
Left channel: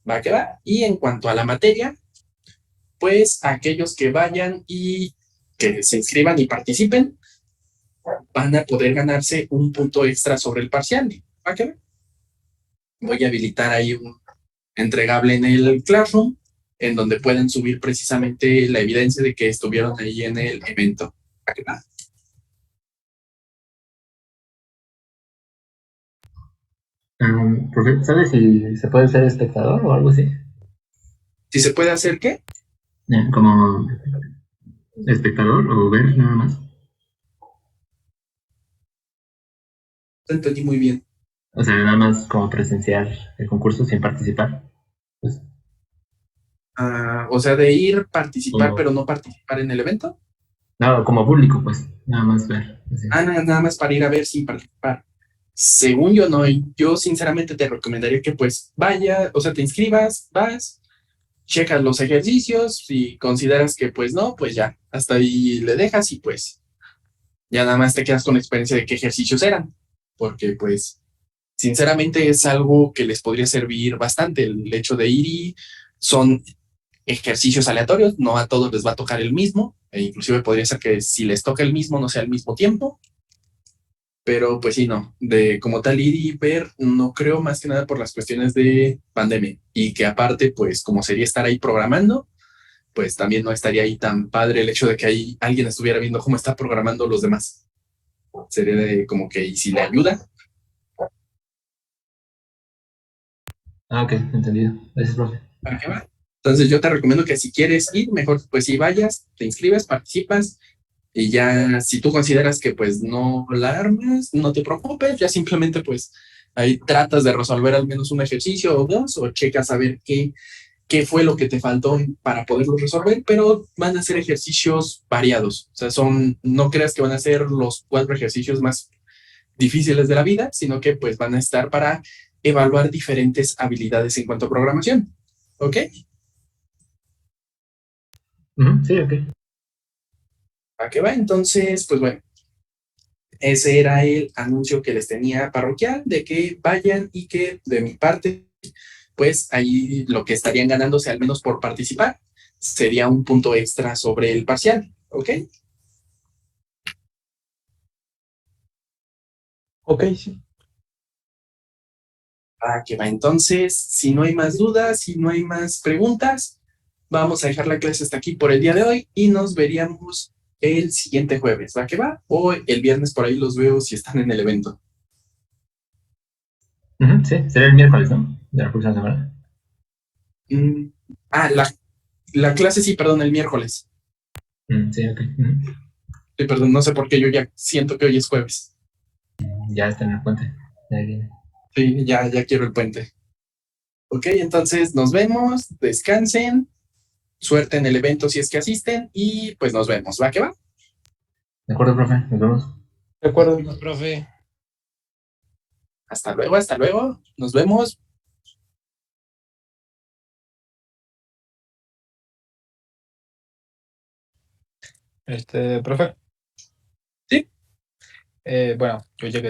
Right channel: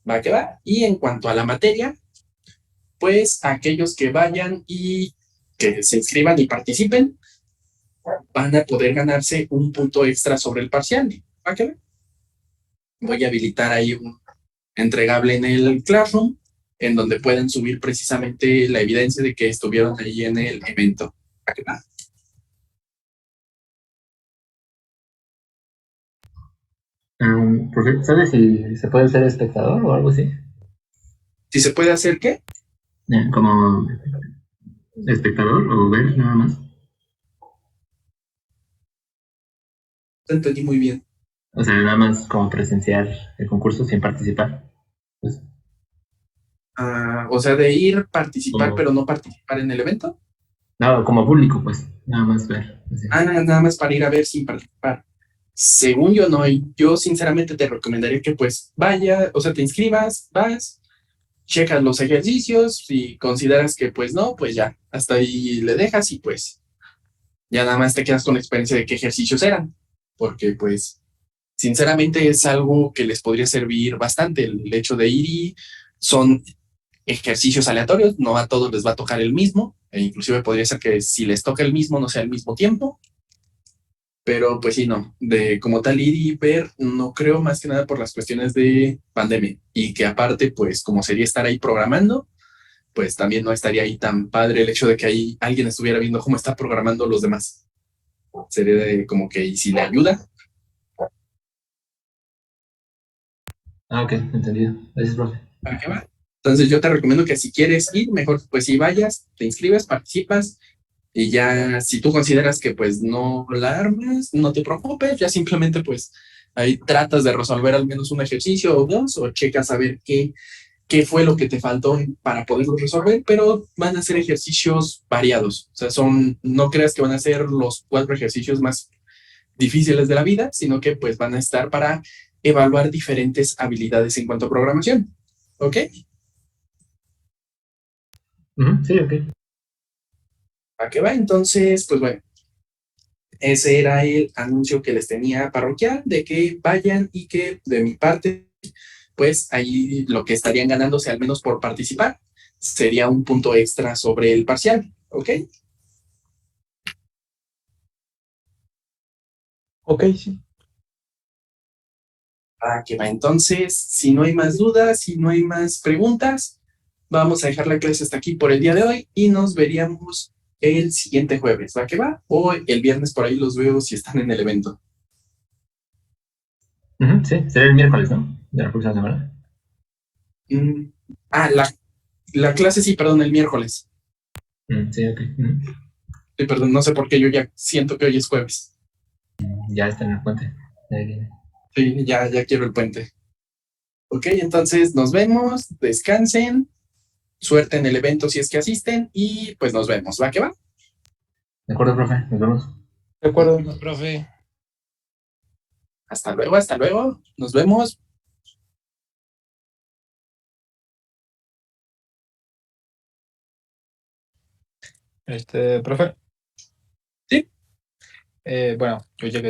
¿Va que va? Y en cuanto a la materia, pues aquellos que vayan y que se inscriban y participen van a poder ganarse un punto extra sobre el parcial. ¿Va que va? Voy a habilitar ahí un entregable en el Classroom en donde pueden subir precisamente la evidencia de que estuvieron ahí en el evento. ¿Va que va? Profe, ¿sabes si se puede ser espectador o algo así? ¿Si se puede hacer qué? Como espectador o ver nada más. No entendí muy bien. O sea, nada más como presenciar el concurso sin participar. Pues, O sea, de ir, participar, como, pero no participar en el evento. no, como público, pues, nada más ver. Así. Nada más para ir a ver sin participar. Según yo, no. Yo sinceramente te recomendaría que pues vaya, o sea, te inscribas, vas, checas los ejercicios, si consideras que pues no, pues ya, hasta ahí le dejas y pues ya nada más te quedas con la experiencia de qué ejercicios eran. Porque pues sinceramente es algo que les podría servir bastante el hecho de ir y son ejercicios aleatorios, no a todos les va a tocar el mismo, e inclusive podría ser que si les toca el mismo no sea al mismo tiempo, pero pues sí, no, de como tal ir y ver, no creo más que nada por las cuestiones de pandemia, y que aparte, pues como sería estar ahí programando, pues también no estaría ahí tan padre el hecho de que ahí alguien estuviera viendo cómo está programando los demás. Sería como que, y si le ayuda. Ok, entendido. Gracias, profe. ¿Para qué va? Entonces yo te recomiendo que si quieres ir, mejor pues si vayas, te inscribes, participas y ya si tú consideras que pues no la armas, no te preocupes, ya simplemente pues ahí tratas de resolver al menos un ejercicio o dos o checas a ver qué fue lo que te faltó para poderlo resolver, pero van a ser ejercicios variados. O sea, no creas que van a ser los 4 ejercicios más difíciles de la vida, sino que pues van a estar para evaluar diferentes habilidades en cuanto a programación. ¿Ok? Sí, ok. ¿A qué va? Entonces, pues bueno, ese era el anuncio que les tenía parroquial de que vayan y que de mi parte, pues ahí lo que estarían ganándose al menos por participar sería un punto extra sobre el parcial. ¿Ok? Ok, sí. Que va. Entonces, si no hay más dudas, si no hay más preguntas, vamos a dejar la clase hasta aquí por el día de hoy y nos veríamos el siguiente jueves. ¿Va que va? O el viernes por ahí los veo si están en el evento. Sí, será el miércoles, ¿no? De la próxima semana. La clase sí, perdón, el miércoles. Sí, ok. Sí, perdón, no sé por qué yo ya siento que hoy es jueves. Ya está en el puente. Ahí viene. Sí, ya quiero el puente. Ok, entonces nos vemos, descansen, suerte en el evento si es que asisten y pues nos vemos. ¿Va que va? De acuerdo, profe. Nos vemos. De acuerdo. Profe. Hasta luego, hasta luego. Nos vemos. Profe. Sí. Bueno, yo llegué